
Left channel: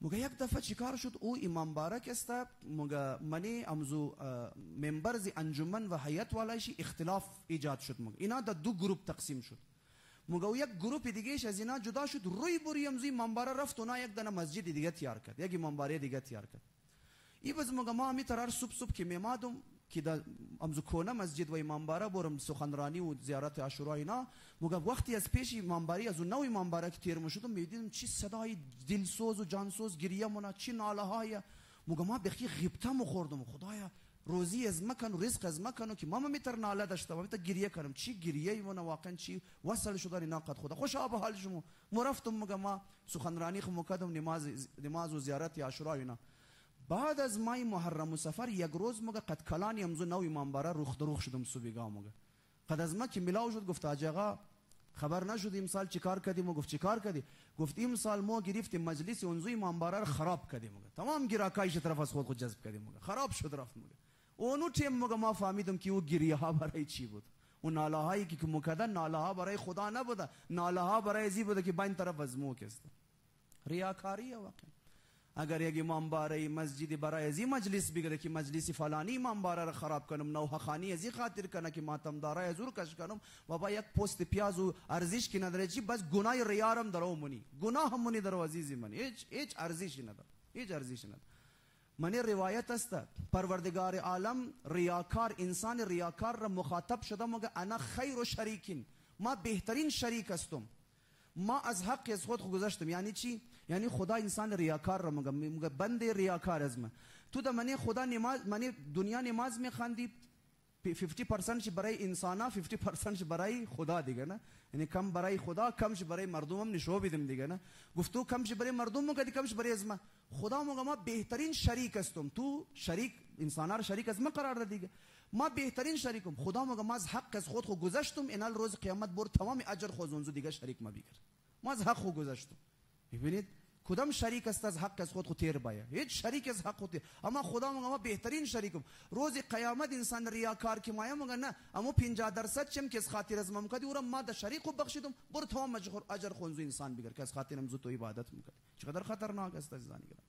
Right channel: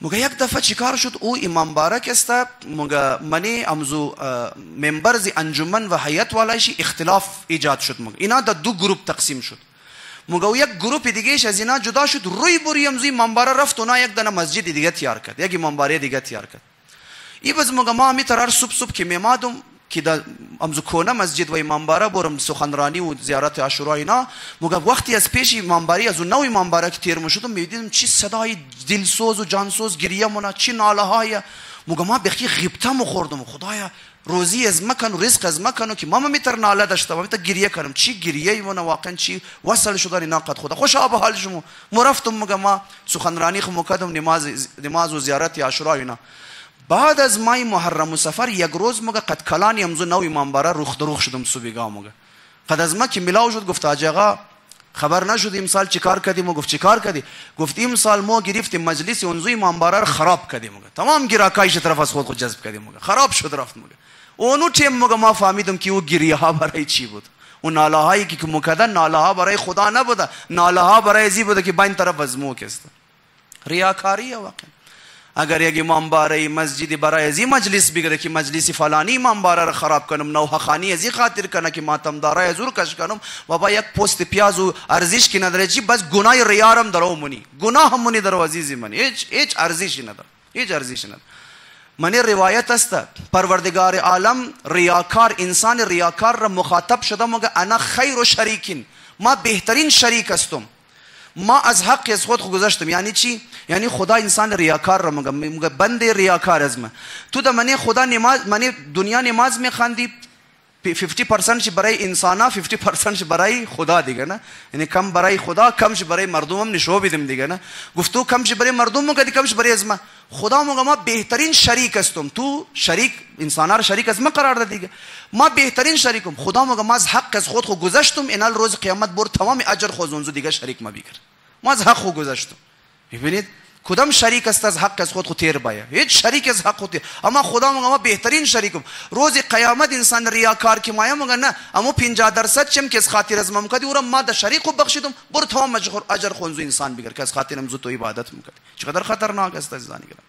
مگه یک دفعه چیکار شد؟ او امام بارک است مگه منی امزو ممبر زی انجمن و هیئت والایشی اختلاف ایجاد شد، مگه اینا د 2 گروپ تقسیم شد. مگه یک گروپ دیگهش از اینا جدا شد، روی بوری امزو منبر رفت اونا یک دنه مسجد دیگه تیار کرد، یک منبر دیگه تیار کرد. ای باز مگه ما می ترار صبح که میمادم که د امزو کونه مسجد و منبر برم سخنرانی و زیارت عاشورا اینا، مگه وقتی از پیش منبری از نوی منبر که تیر میشدم میدیدم چی صدای دلسوز و جانسوز گریه مونه، چی ناله های، ما بخی غیبتم خوردم، خدایا روزی از مکن و رزق از مکن که ما میتر ناله داشتم، میتر گریه کنم. چی گریه من واقعا چی وصل شدن ناقد خدا خوش آب حال شما. مرفتم ما سخنرانی خو مقدم نماز و زیارت عاشورا اینا. بعد از مای محرم و سفر یک روز مگه قد کلانی امزو نو امام باره روخ شدم صبحگاه مگه. قد از ما که ملاو شد گفت حاج آقا خبر نشد امسال چیکار کردیم؟ گفت چیکار کردی؟ گفت امسال ما گرفتیم مجلس اونجوی امام باره خراب کردیم مگه. تمام گراکایش طرف از خود جذب کردیم مگه. خراب شد رفت مگه. اونو تیم مگه ما فهمیدم که او گریه ها برای چی بود. اون ناله هایی که مکدن ناله ها برای خدا نبوده، ناله ها برای زی بوده که بین طرف از مو کست. ریاکاری واقعا. اگر یک امام باره مسجد برای ازی مجلس بگیره که مجلس فلانی امام باره را خراب کنم، نوحه خانی ازی خاطر کنه که ماتم داره زور کش کنم و با یک پست پیاز و ارزش کی نداره چی، بس گناه ریارم درو منی، گناه هم منی درو عزیزی منی، هیچ ارزشی نداره، هیچ ارزشی نداره. منی روایت است پروردگار عالم ریاکار انسان ریاکار را مخاطب شده مگه انا خیر و شریکین، ما بهترین شریک هستم، ما از حق از خود گذشتم. یعنی چی؟ یعنی خدا انسان ریاکار را مگه بند ریاکار از من. تو در منی خدا نماز منی دنیا نماز میخواندی 50% برای انسانا 50% برای خدا دیگه نه. یعنی کم برای خدا کمش برای مردم هم نشو بیدم دیگه نه. گفتو کمش برای مردم مگه کمش برای از من. خدا مگه ما بهترین شریک هستم، تو شریک انسانا را شریک از من قرار داد دیگه. ما بهترین شریکم. خدا مگه ما از حق از خود گذشتم، اینال روز قیامت بر تمام اجر خود اونجا دیگه شریک ما بگیر. ما از حق گذشتم. ببینید کدام شریک است از حق از خود تیر باید؟ هیچ شریک از حق خود. اما خدا مگه ما بهترین شریکم. روز قیامت انسان ریاکار که مایا مگه نه اما 50% چم که از خاطر از ما کدی اورم ما د شریک بخشیدم بر تمام اجر خونزو انسان بگیر که از خاطر امزو تو عبادت میکرد. چقدر خطرناک است عزیزان گرامی.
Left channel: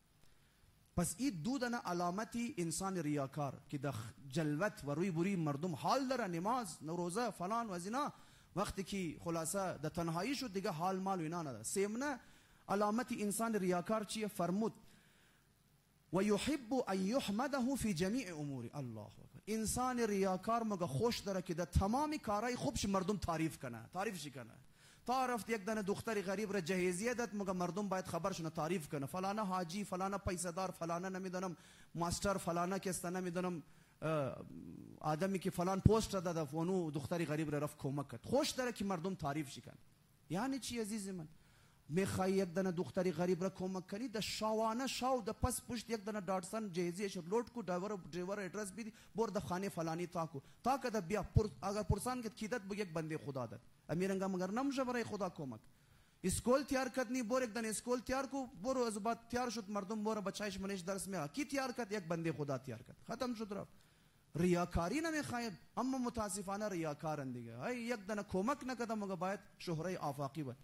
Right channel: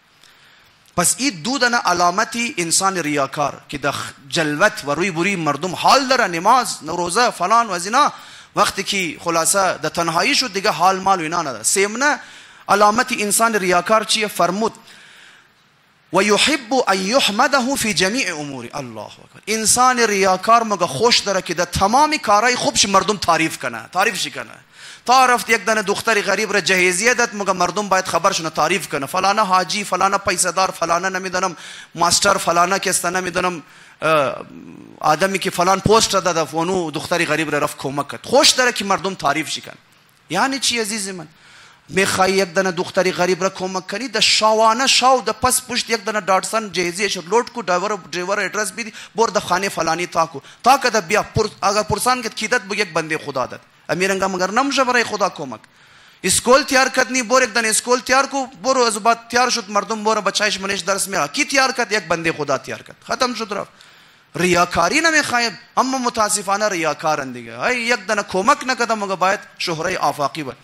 پس این دو دانه علامتی انسان ریاکار که د جلوت و روی بری مردم حال داره، نماز روزه فلان و زنا، وقتی که خلاصه د تنهایی شد دیگه حال مال و اینا نداره. سیمنه علامت انسان ریاکار چیه؟ فرمود و یحب ان یحمده فی جمیع امور. الله اکبر. انسان ریاکار مگه خوش داره که در تمام کارهای خوبش مردم تعریف کنه، تعریفش کنه. تا رفت یک دانه دختری غریب را جهیزیه داد مگه مردم باید خبرشونه تعریف کنه، فلانا حاجی، فلانا پیسه دار، فلانا نمیدونم ماستر، فلانا کسته نمیدونم آدمی که فلان پست داده فونو دختری غریب را رفت کمک کرد. خوش داره که مردم تعریفش کنه. یعنی چی عزیز من؟ میخوای یک دانه دختری غریب را کمک کنی، د شاوانه شاو د پس پشت یک دانه داټسن جهیزیه لوټ کو ډرایور ایڈریس بھی بور د خانه فلانی تاکو تاکه د بیا اگر پرسان که کیدت بو یک بنده خدا داد امیرنگا مگر نمشه برای خدا کمک. اسکول تیار کردنی بور یک دانه اسکول تیار کو بور از بعد تیار شد مردم بور بچایش منش درس میاد کی تیار کرد؟ یک بنده خدا تیار کرد. ختم شد رفت. ریاکاری نمیخواید. اما متاسفانه ریاکارن دیگه. یک دانه کمک نکرده مگه باید شهره آفاقی بود.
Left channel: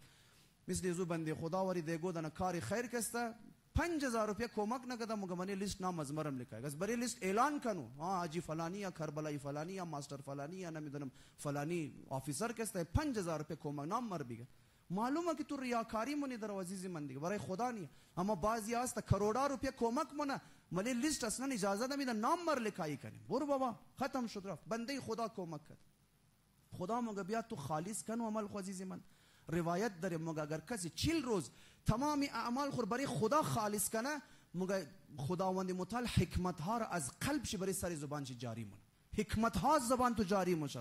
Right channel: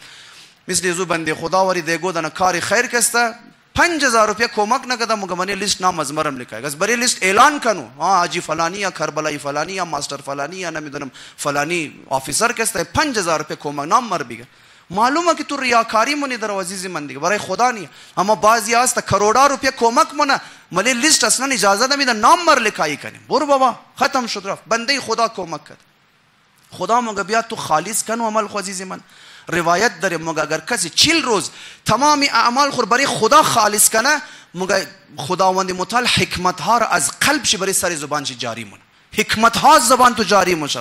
مثل زو بنده خدا وری دیگو دانه کاری خیر کسته 5000 روپیه کمک نکرده مگه منی لیست نام از مرم لکایگا از بری لیست اعلان کنو حاجی فلانی یا کربلای فلانی یا ماستر فلانی یا نمیدونم فلانی آفیسر کسته 5000 روپیه کمک نام مر بگه. معلومه که تو ریاکاری منی در عزیز من دیگه برای خدا نی. اما بعضی هست کروڑا روپیه کمک منه ملی لیست اصلا اجازه نمیده نام مر لکایی کنیم. برو بابا ختم شد رفت. بنده خدا کمک کرد. خدا مگه بیا تو خالص کنو عمل خو عزیز من. روایت داره مگه اگر کسی 40 روز تمام اعمال خود برای خدا خالص کنه مگه خداوند متعال حکمت ها را از قلبش برای سر زبانش جاری مونه. حکمت ها زبان تو جاری موشه.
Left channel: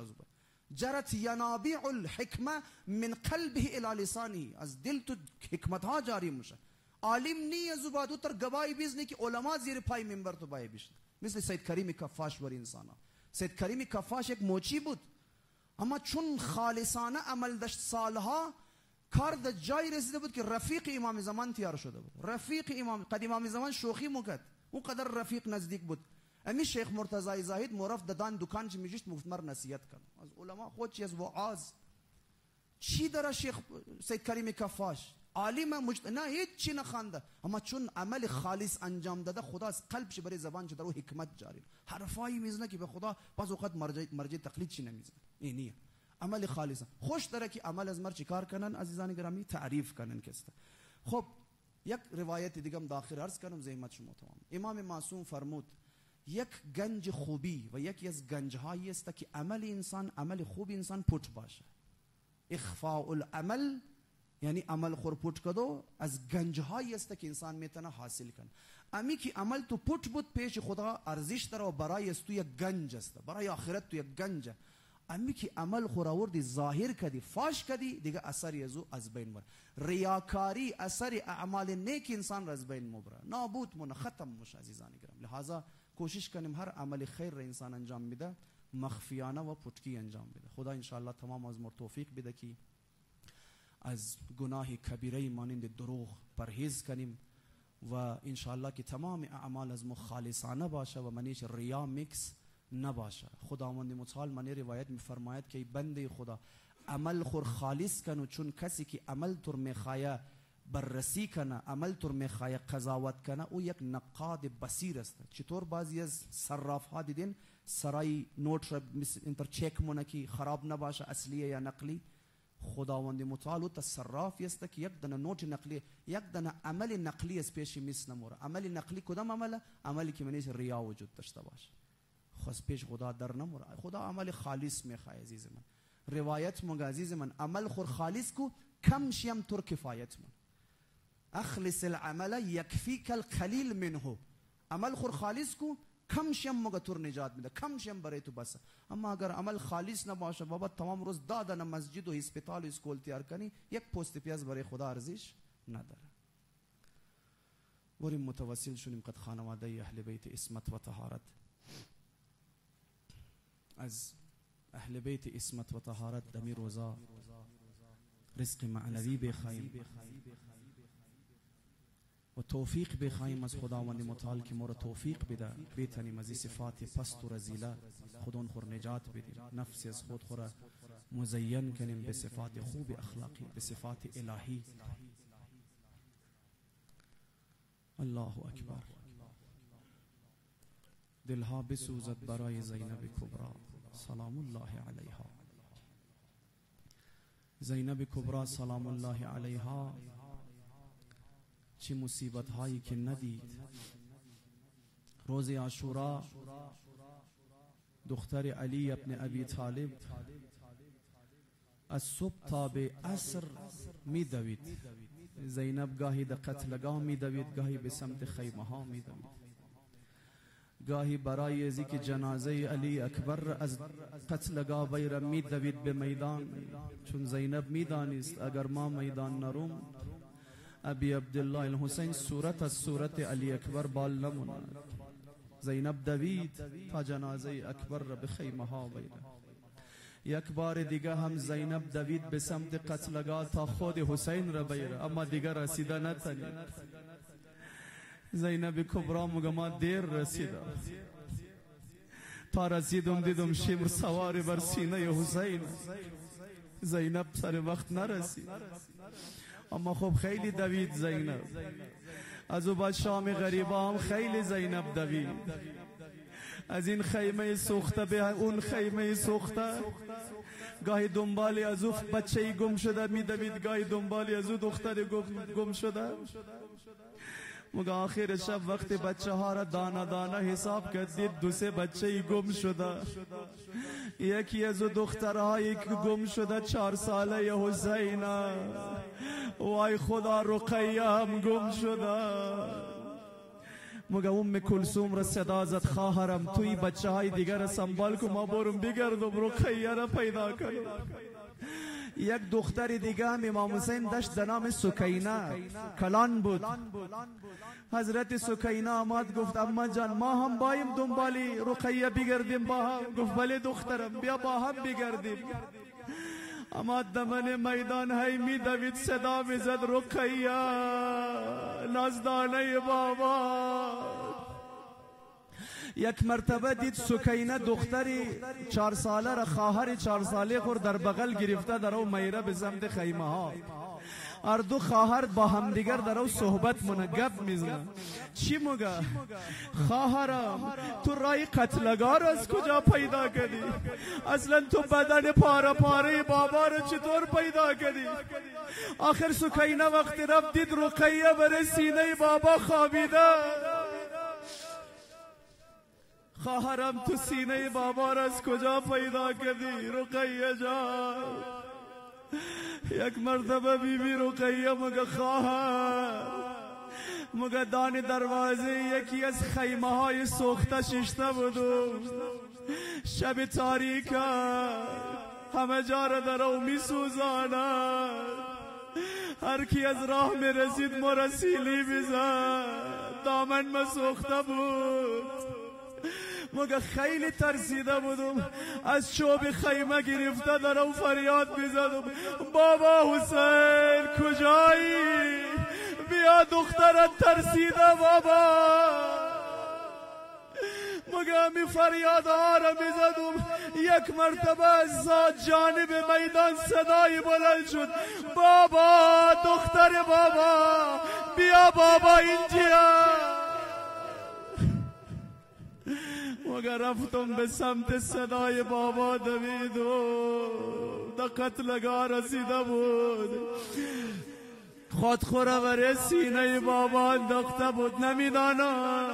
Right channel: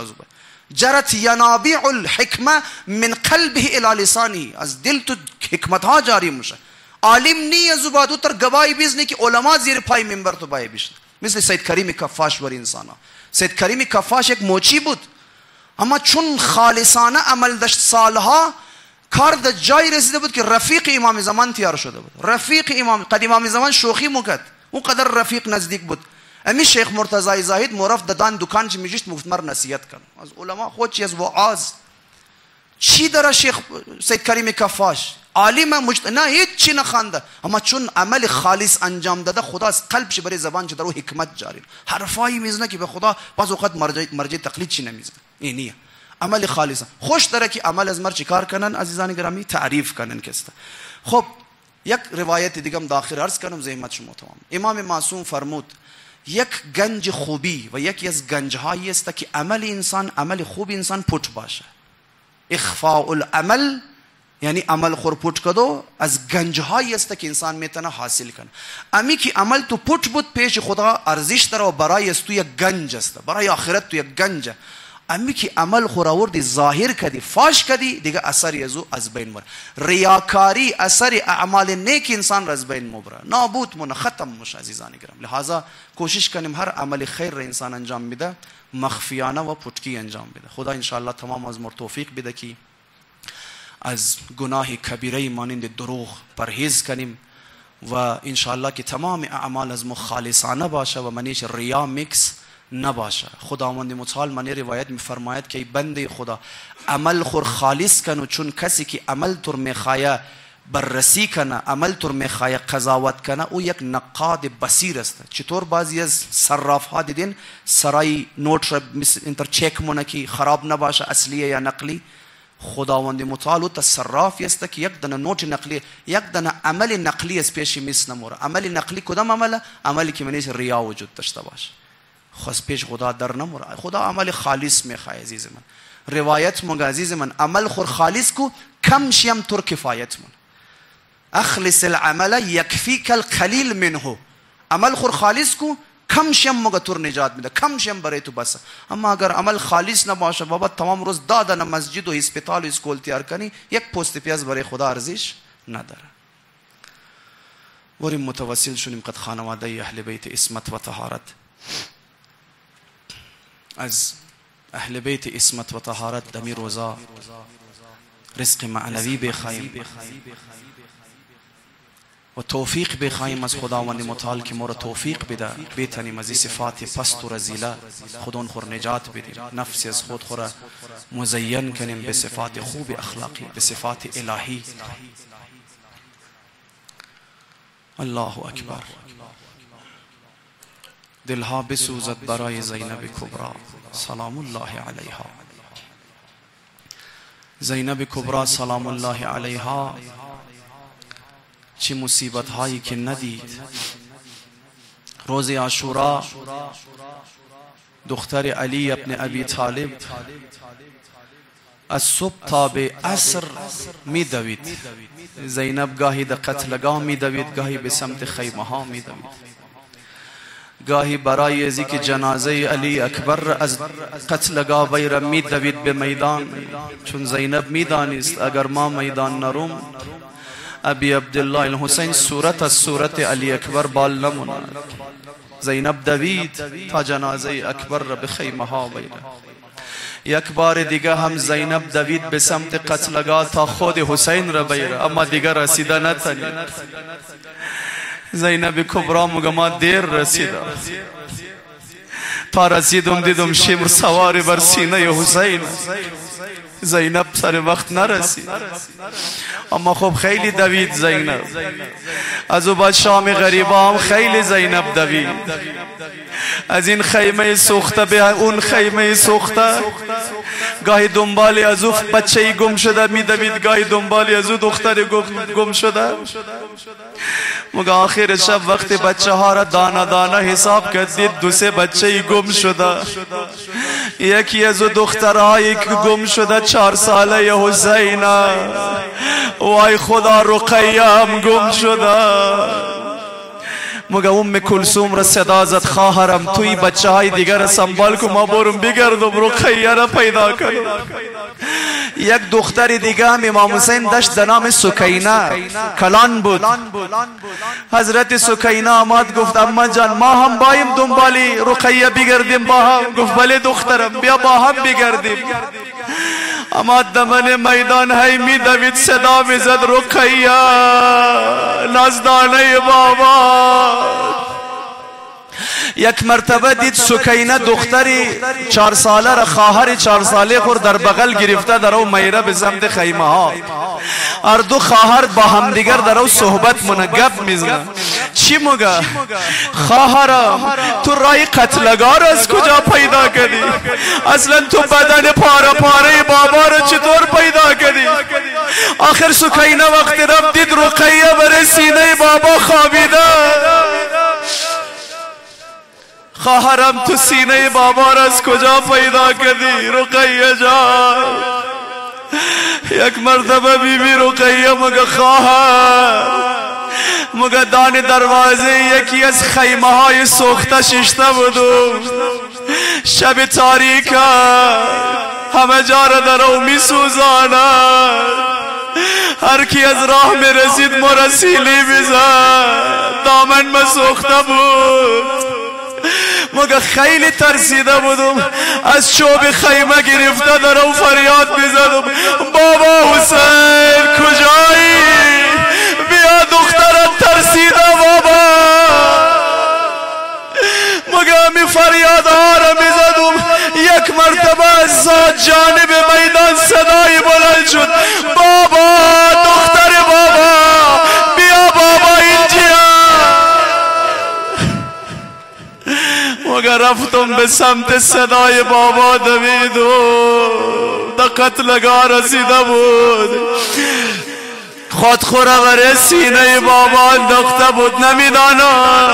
جرت ینابیع الحکمه من قلبه الی لسانه. از دل تو حکمت ها جاری موشه. عالم نی زبادو تر گواهی بیزنی که علما زیر پای منبر تو بای بیشتر. مثل سید کریم کفاش بر انسانا. سید کریم کفاش یک موچی بود اما چون خالصانه عمل داشت سالها کار د جای رسیده بود که رفیق امام زمان تیار شده بود. رفیق امام قد امام زمان شوخی میکرد او قدر رفیق نزدیک بود. امی شیخ مرتضی زاهد مرف ددان دکان چی میجشت مفتمر نصیحت کن از علما خود چی از وعاظ چی داره شیخ سید کریم کفاش عالم نه هیچ چی نخوانده اما چون عمل خالص انجام داده خدا از قلبش برای زبان چه درو حکمت جاری حرفایی میزنه که به خدا بعض اوقات مرجع تقلید چی نمیزنه. اینیه عمل خالص. خوش داره که عمل از مر چیکار کنن عزیزان گرامی؟ تعریف کنن کسته. خب یک روایت دیگه هم داخل عرض کنم زحمت شما تمام. امام معصوم فرمود یک گنج خوبی و یکی از گنجهایی است که عمل انسان عمل خوب انسان پوت باشه. اخفاء العمل یعنی عمل خور پوٹ کدو از گنجهایی است که انسان میتونه حاصل کنه. امی که عمل تو پوٹ بود پیش خدا ارزش داره و برای است تو یک گنج است، برای آخرت تو یک گنج. امی که عمل خور آوردی ظاهر کردی فاش کردی دیگه اثری از بین مره. ریاکاری اثر اعمال نیک انسان را از بین مبره، نابود مونه، ختم مشه عزیزان گرام. لحاظا کوشش کنیم هر عمل خیر را انسان انجام میده مخفیانه و پټکی انجام بده. خدا انشاءالله تمام از مر توفیق بده که از گناه کبیره مانند دروغ پرهیز کنیم و انشاءالله که تمام اعمال از خالصانه باشه و منیش ریا میکس نباشه. خداوند متعال منی روایت میفرماید که بنده خدا عمل خور خالص کنو، چون کسی که عمل تر میخواه بررسی کنه، عمل تر میخواه قضاوت کنه، او یک نقاد بصیر است. چطور بعضی از صراف ها دیدین سرای نوت را انتر چک مونه که خراب نباشه اصلیه یا نقلی. خداوند متعال تا صرافی است که یک دانه نوت نقلی، یک دانه عمل نقلی از پیش میس نموره. عمل نقلی کدام عمله؟ عملی که منیش ریا وجود داشته باشه، خاص پیش خدا در نموره. خدا عمل خالص میخواه عزیز من. روایت مونږ عزیز من عمل خور خالص کو کم شیم تر کفایت من. اخلص العمل یکفیک القلیل منه. عمل خور خالص کو کم شیم مگه تر نجات میده، کم شیم برای تو بس. اما اگر عمل خالص نباشه بابا تمام روز دادن مسجد و هسپتال و اسکول تیار کنی یک پوست پیاز برای خدا ارزش نداره. وریم متوسل شونیم قد خانواده اهل بیت عصمت و طهارت، از اهل بیت عصمت و طهارت دمی روزا رزق معنوی بخواهیم و توفیق بخواهیم از خداوند متعال که ما را توفیق بده بتانیم از این صفات پست و رذیله خودون خور نجات بدیم، نفس از خود خور مزین کنیم به صفات خوب اخلاقی، به صفات الهی. الله اکبر. دلها بسوزد برای زینب کبرا سلام الله علیها. زینب کبرا سلام الله علیها چه مصیبت هایی که ندید. روز عاشورا دختر علی ابن ابی طالب از صبح تا به عصر می دوید. زینب گاهی در قتلگاه می دوید، گاهی به سمت خیمه ها می دوید، گاهی برای ازی که جنازه علی اکبر از قتلگاه ویره می دوید به میدان، چون زینب می دانست اگر ما میدان نروم ابی عبدالله الحسین صورت از صورت علی اکبر بال نموند. زینب دوید تا جنازه اکبر را به خیمه ها ویره. یک بار دیگه هم زینب دوید به سمت قتلگاه تا خود حسین را بیره، اما دیگه رسیده نتنید. زینب کبرا مگه ما دیر رسیده، تا رسیدم دیدم شمر سوار بر سینه حسین. زینب سر وقت نرسید، اما خب خیلی دوید زینب. از او بعد شام غریبا هم خیلی زینب دوید، از این خیمه سوخته به اون خیمه سوخته. گاهی دنبالی از او بچه گم شده می دوید، گاهی دنبالی از او دختر گم شده. مگه آخر شب وقتی بچه ها را دانه دانه حساب کردید دو سه بچه گم شده. یکی از او دخترهایی که گم شده 4 ساله حسین، وای خدا رقیه هم گم شده. مگه ام کلثوم را صدا زد خواهرم توی بچه های دیگر را سنبال کن، ما برم بگردم رقیه را پیدا کنم. یک دختر دیگه هم امام حسین داشت در نام سکینه، کلان بود. حضرت سکینه آمد گفت اما جان ما هم بایم دنبالی رقیه بگردیم با هم. گفت بله دخترم بیا با هم بگردیم. اما دمن میدان هی می دوید صدا می زد رقیه نزدانه بابا. یک مرتبه دید سکینه دختری 4 ساله را خواهر 4 ساله خور در بغل گرفته در او میره به سمت خیمه ها. هر دو خواهر با همدیگر در او صحبت منگب میزنن. چی مگه خواهرم تو رای قتلگاه را از کجا پیدا کردی؟ اصلا تو بدن پاره پاره بابا را چطور پیدا کردی؟ آخر سکینه وقت رفت دید رقیه بر سینه بابا خوابیده. خواهرم تو سینه بابا را از کجا پیدا کردی رقیه جان؟ یک مرتبه بیبی رقیه مگه خواهر مگه دان دروازه یکی از خیمه های سوخته ششته بودم. شب تاریک همه جا را در او می سوزاند. هر کی از راه می رسید مرسیلی میزد. دامن ما سوخته بود. مگه خیلی ترسیده بودم. از چوب خیمه گرفته در او فریاد میزدم بابا حسین کجایی؟ بیا دخترت ترسیده بابا. مگه همی فریاد ها را میزدم. یک مرتبه از جانب میدان صدای بلند شد بابا دختر بابا بیا بابا اینجا. مگه رفتم به سمت صدای بابا دویدم. در قتلگاه رسیده بود. خودخوره بره سینه بابا انداخته بود. نمیدانم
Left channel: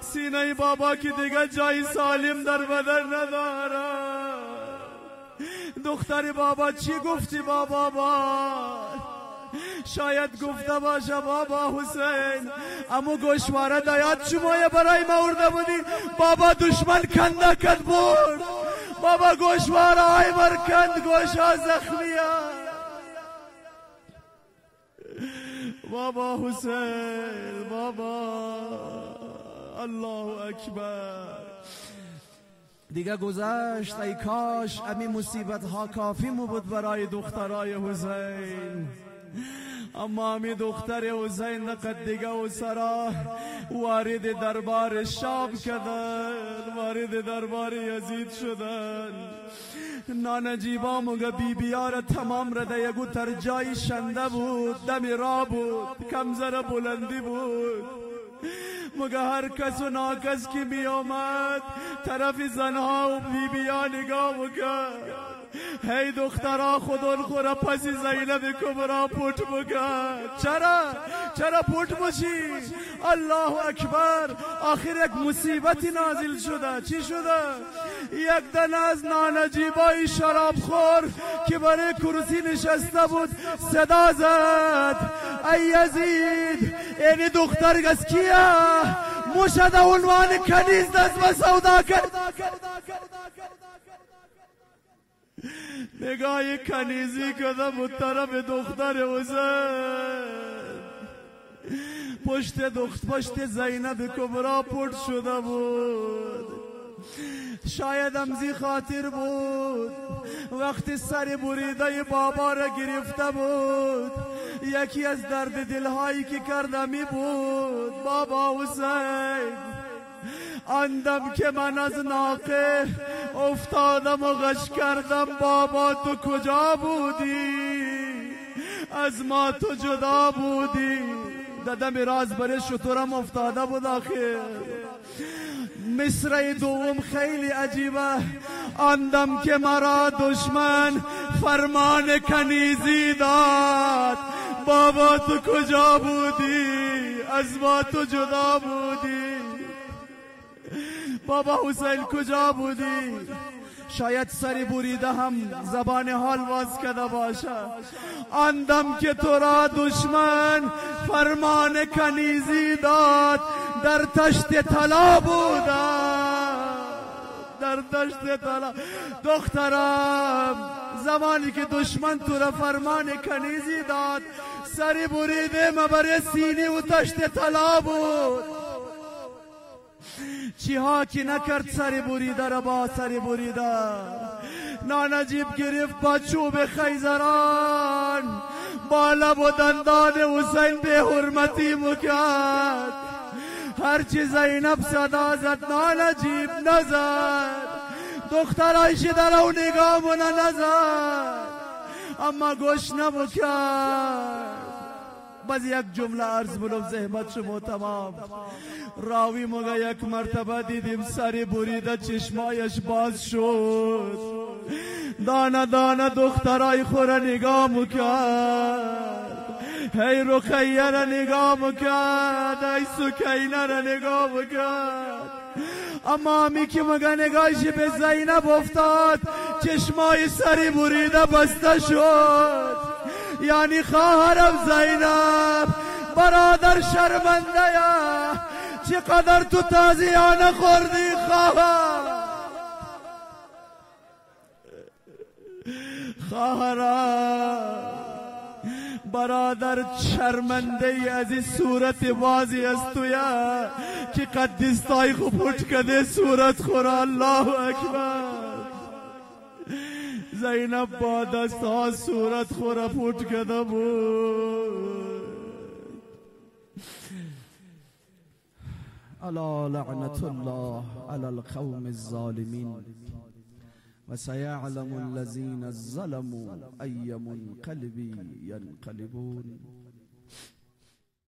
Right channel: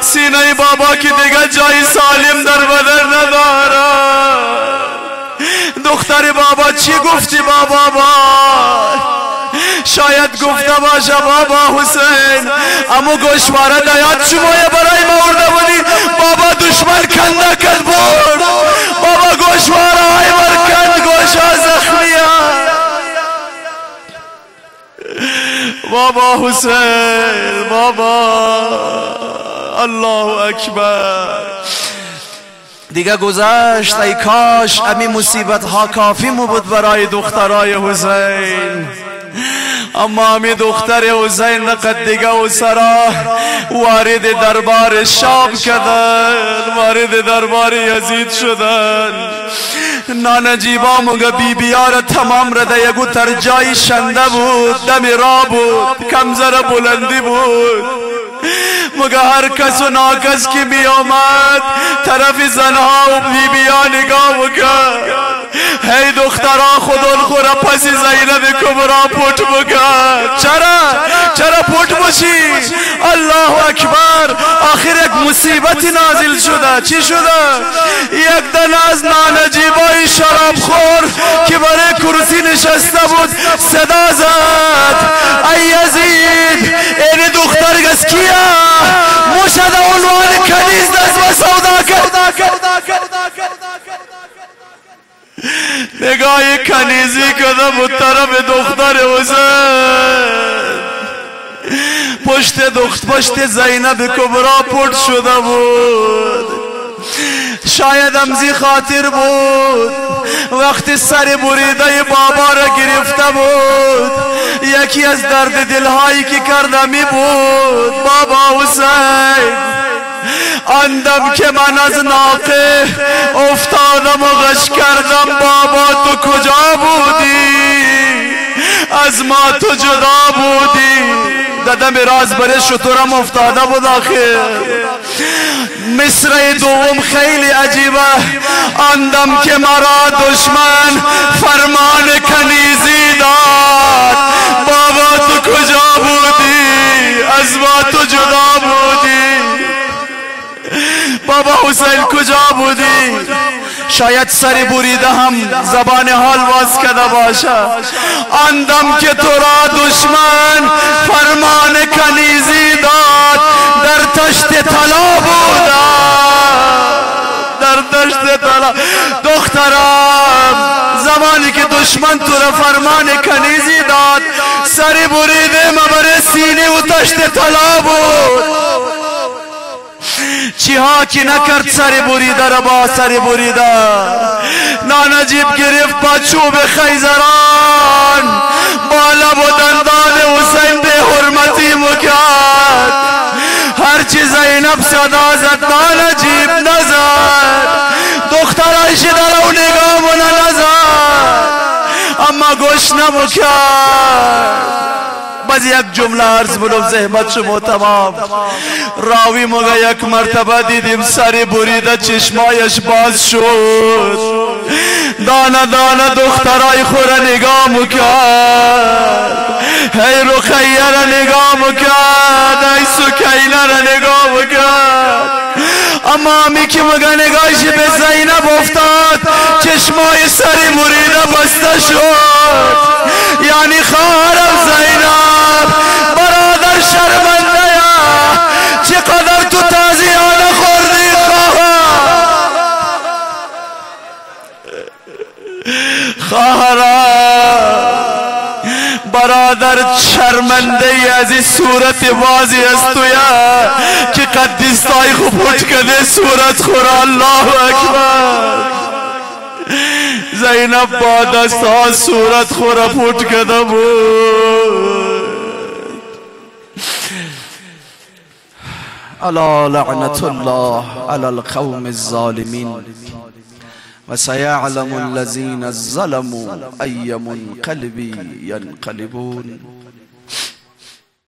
سینه بابا که دیگه جای سالم در بدن نداره. دختر بابا چی گفتی بابا؟ شاید گفته باشه بابا حسین امو گوشواره دیاد شمایه برای ما ارده بودی. بابا دشمن کنده کد بود. بابا گوشواره های مرکند گوشا زخمیه. بابا حسین بابا الله اکبر. دیگه گذشت. ای کاش امی مصیبت ها کافی مو بود برای دخترای حسین. اما امی دختر حسین نقد دیگه و سرا وارد دربار شام کردن. وارد دربار یزید شدن. نانجیبا مگه بیبیا را تمام را ده یگو تر جای شنده بود. دم را بود. کمزر بلندی بود. مگه هر کس و ناکس که می آمد طرف زنها و بیبیا نگاه بکرد. هی دخترا خودون خورا پس زینب کبرا پوت بکرد. چرا پوت باشی؟ الله اکبر. آخر یک مصیبتی نازل شده. چی شده؟ یک دن از نانجیبای شراب خور که برای کرسی نشسته بود صدا زد ای یزید این دختر گز کیا؟ موشد عنوان کنیز دست و سودا کرد. نگاه کنیزی کده بود طرف دختر حسین. پشت زینب کبرا پرد شده بود. شاید امزی خاطر بود وقتی سر بریده بابا را گرفته بود. یکی از درد دلهایی که کردمی بود بابا حسین. آندم که من از ناقه افتادم و غش کردم بابا تو کجا بودی؟ از ما تو جدا بودی. دادم راز بره شطورم افتاده بود. آخر مصرع دوم خیلی عجیبه. آندم که مرا دشمن فرمان کنیزی داد بابا تو کجا بودی؟ از ما تو جدا بودی. بابا حسین کجا بودی؟ شاید سر بریده هم زبان حال باز کرده باشه. آندم که تو را دشمن فرمان کنیزی داد در تشت طلا بودا. در تشت طلا. دخترم زمانی که دشمن تو را فرمان کنیزی داد سر بریده مبر سینه و تشت طلا بود. چی ها که نکرد سر بریده را با سر بریده. نانجیب گرفت با چوب خیزران با لب و دندان حسین به حرمتی مکرد. هرچی زینب صدا زد نانجیب نزد. دخترایش در او نگاه مونه نزد اما گوش نمکرد. باز یک جمله عرض بلوم زحمت شما تمام. راوی مگه یک مرتبه دیدیم سر بریده چشمایش باز شد. دانه دانه دخترای خوره نگاه مکرد. هی رقیه را نگاه مکرد. هی سکینه را نگاه مکرد. اما همی که مگه نگاهش به زینب افتاد چشمای سری بریده بسته شد. یعنی خواهرم زینب برادر شرمنده یا چقدر تو تازیانه خوردی خواهرم برادر شرمنده ای از این صورت بازی است تو یا که قدیستای خوب پوچ کده صورت خورا. الله اکبر. زینب با دستها صورت خورا پوچ کده بود. الا لعنت الله علی القوم الظالمین وسيعلم الذين ظلموا أي منقلب ينقلبون.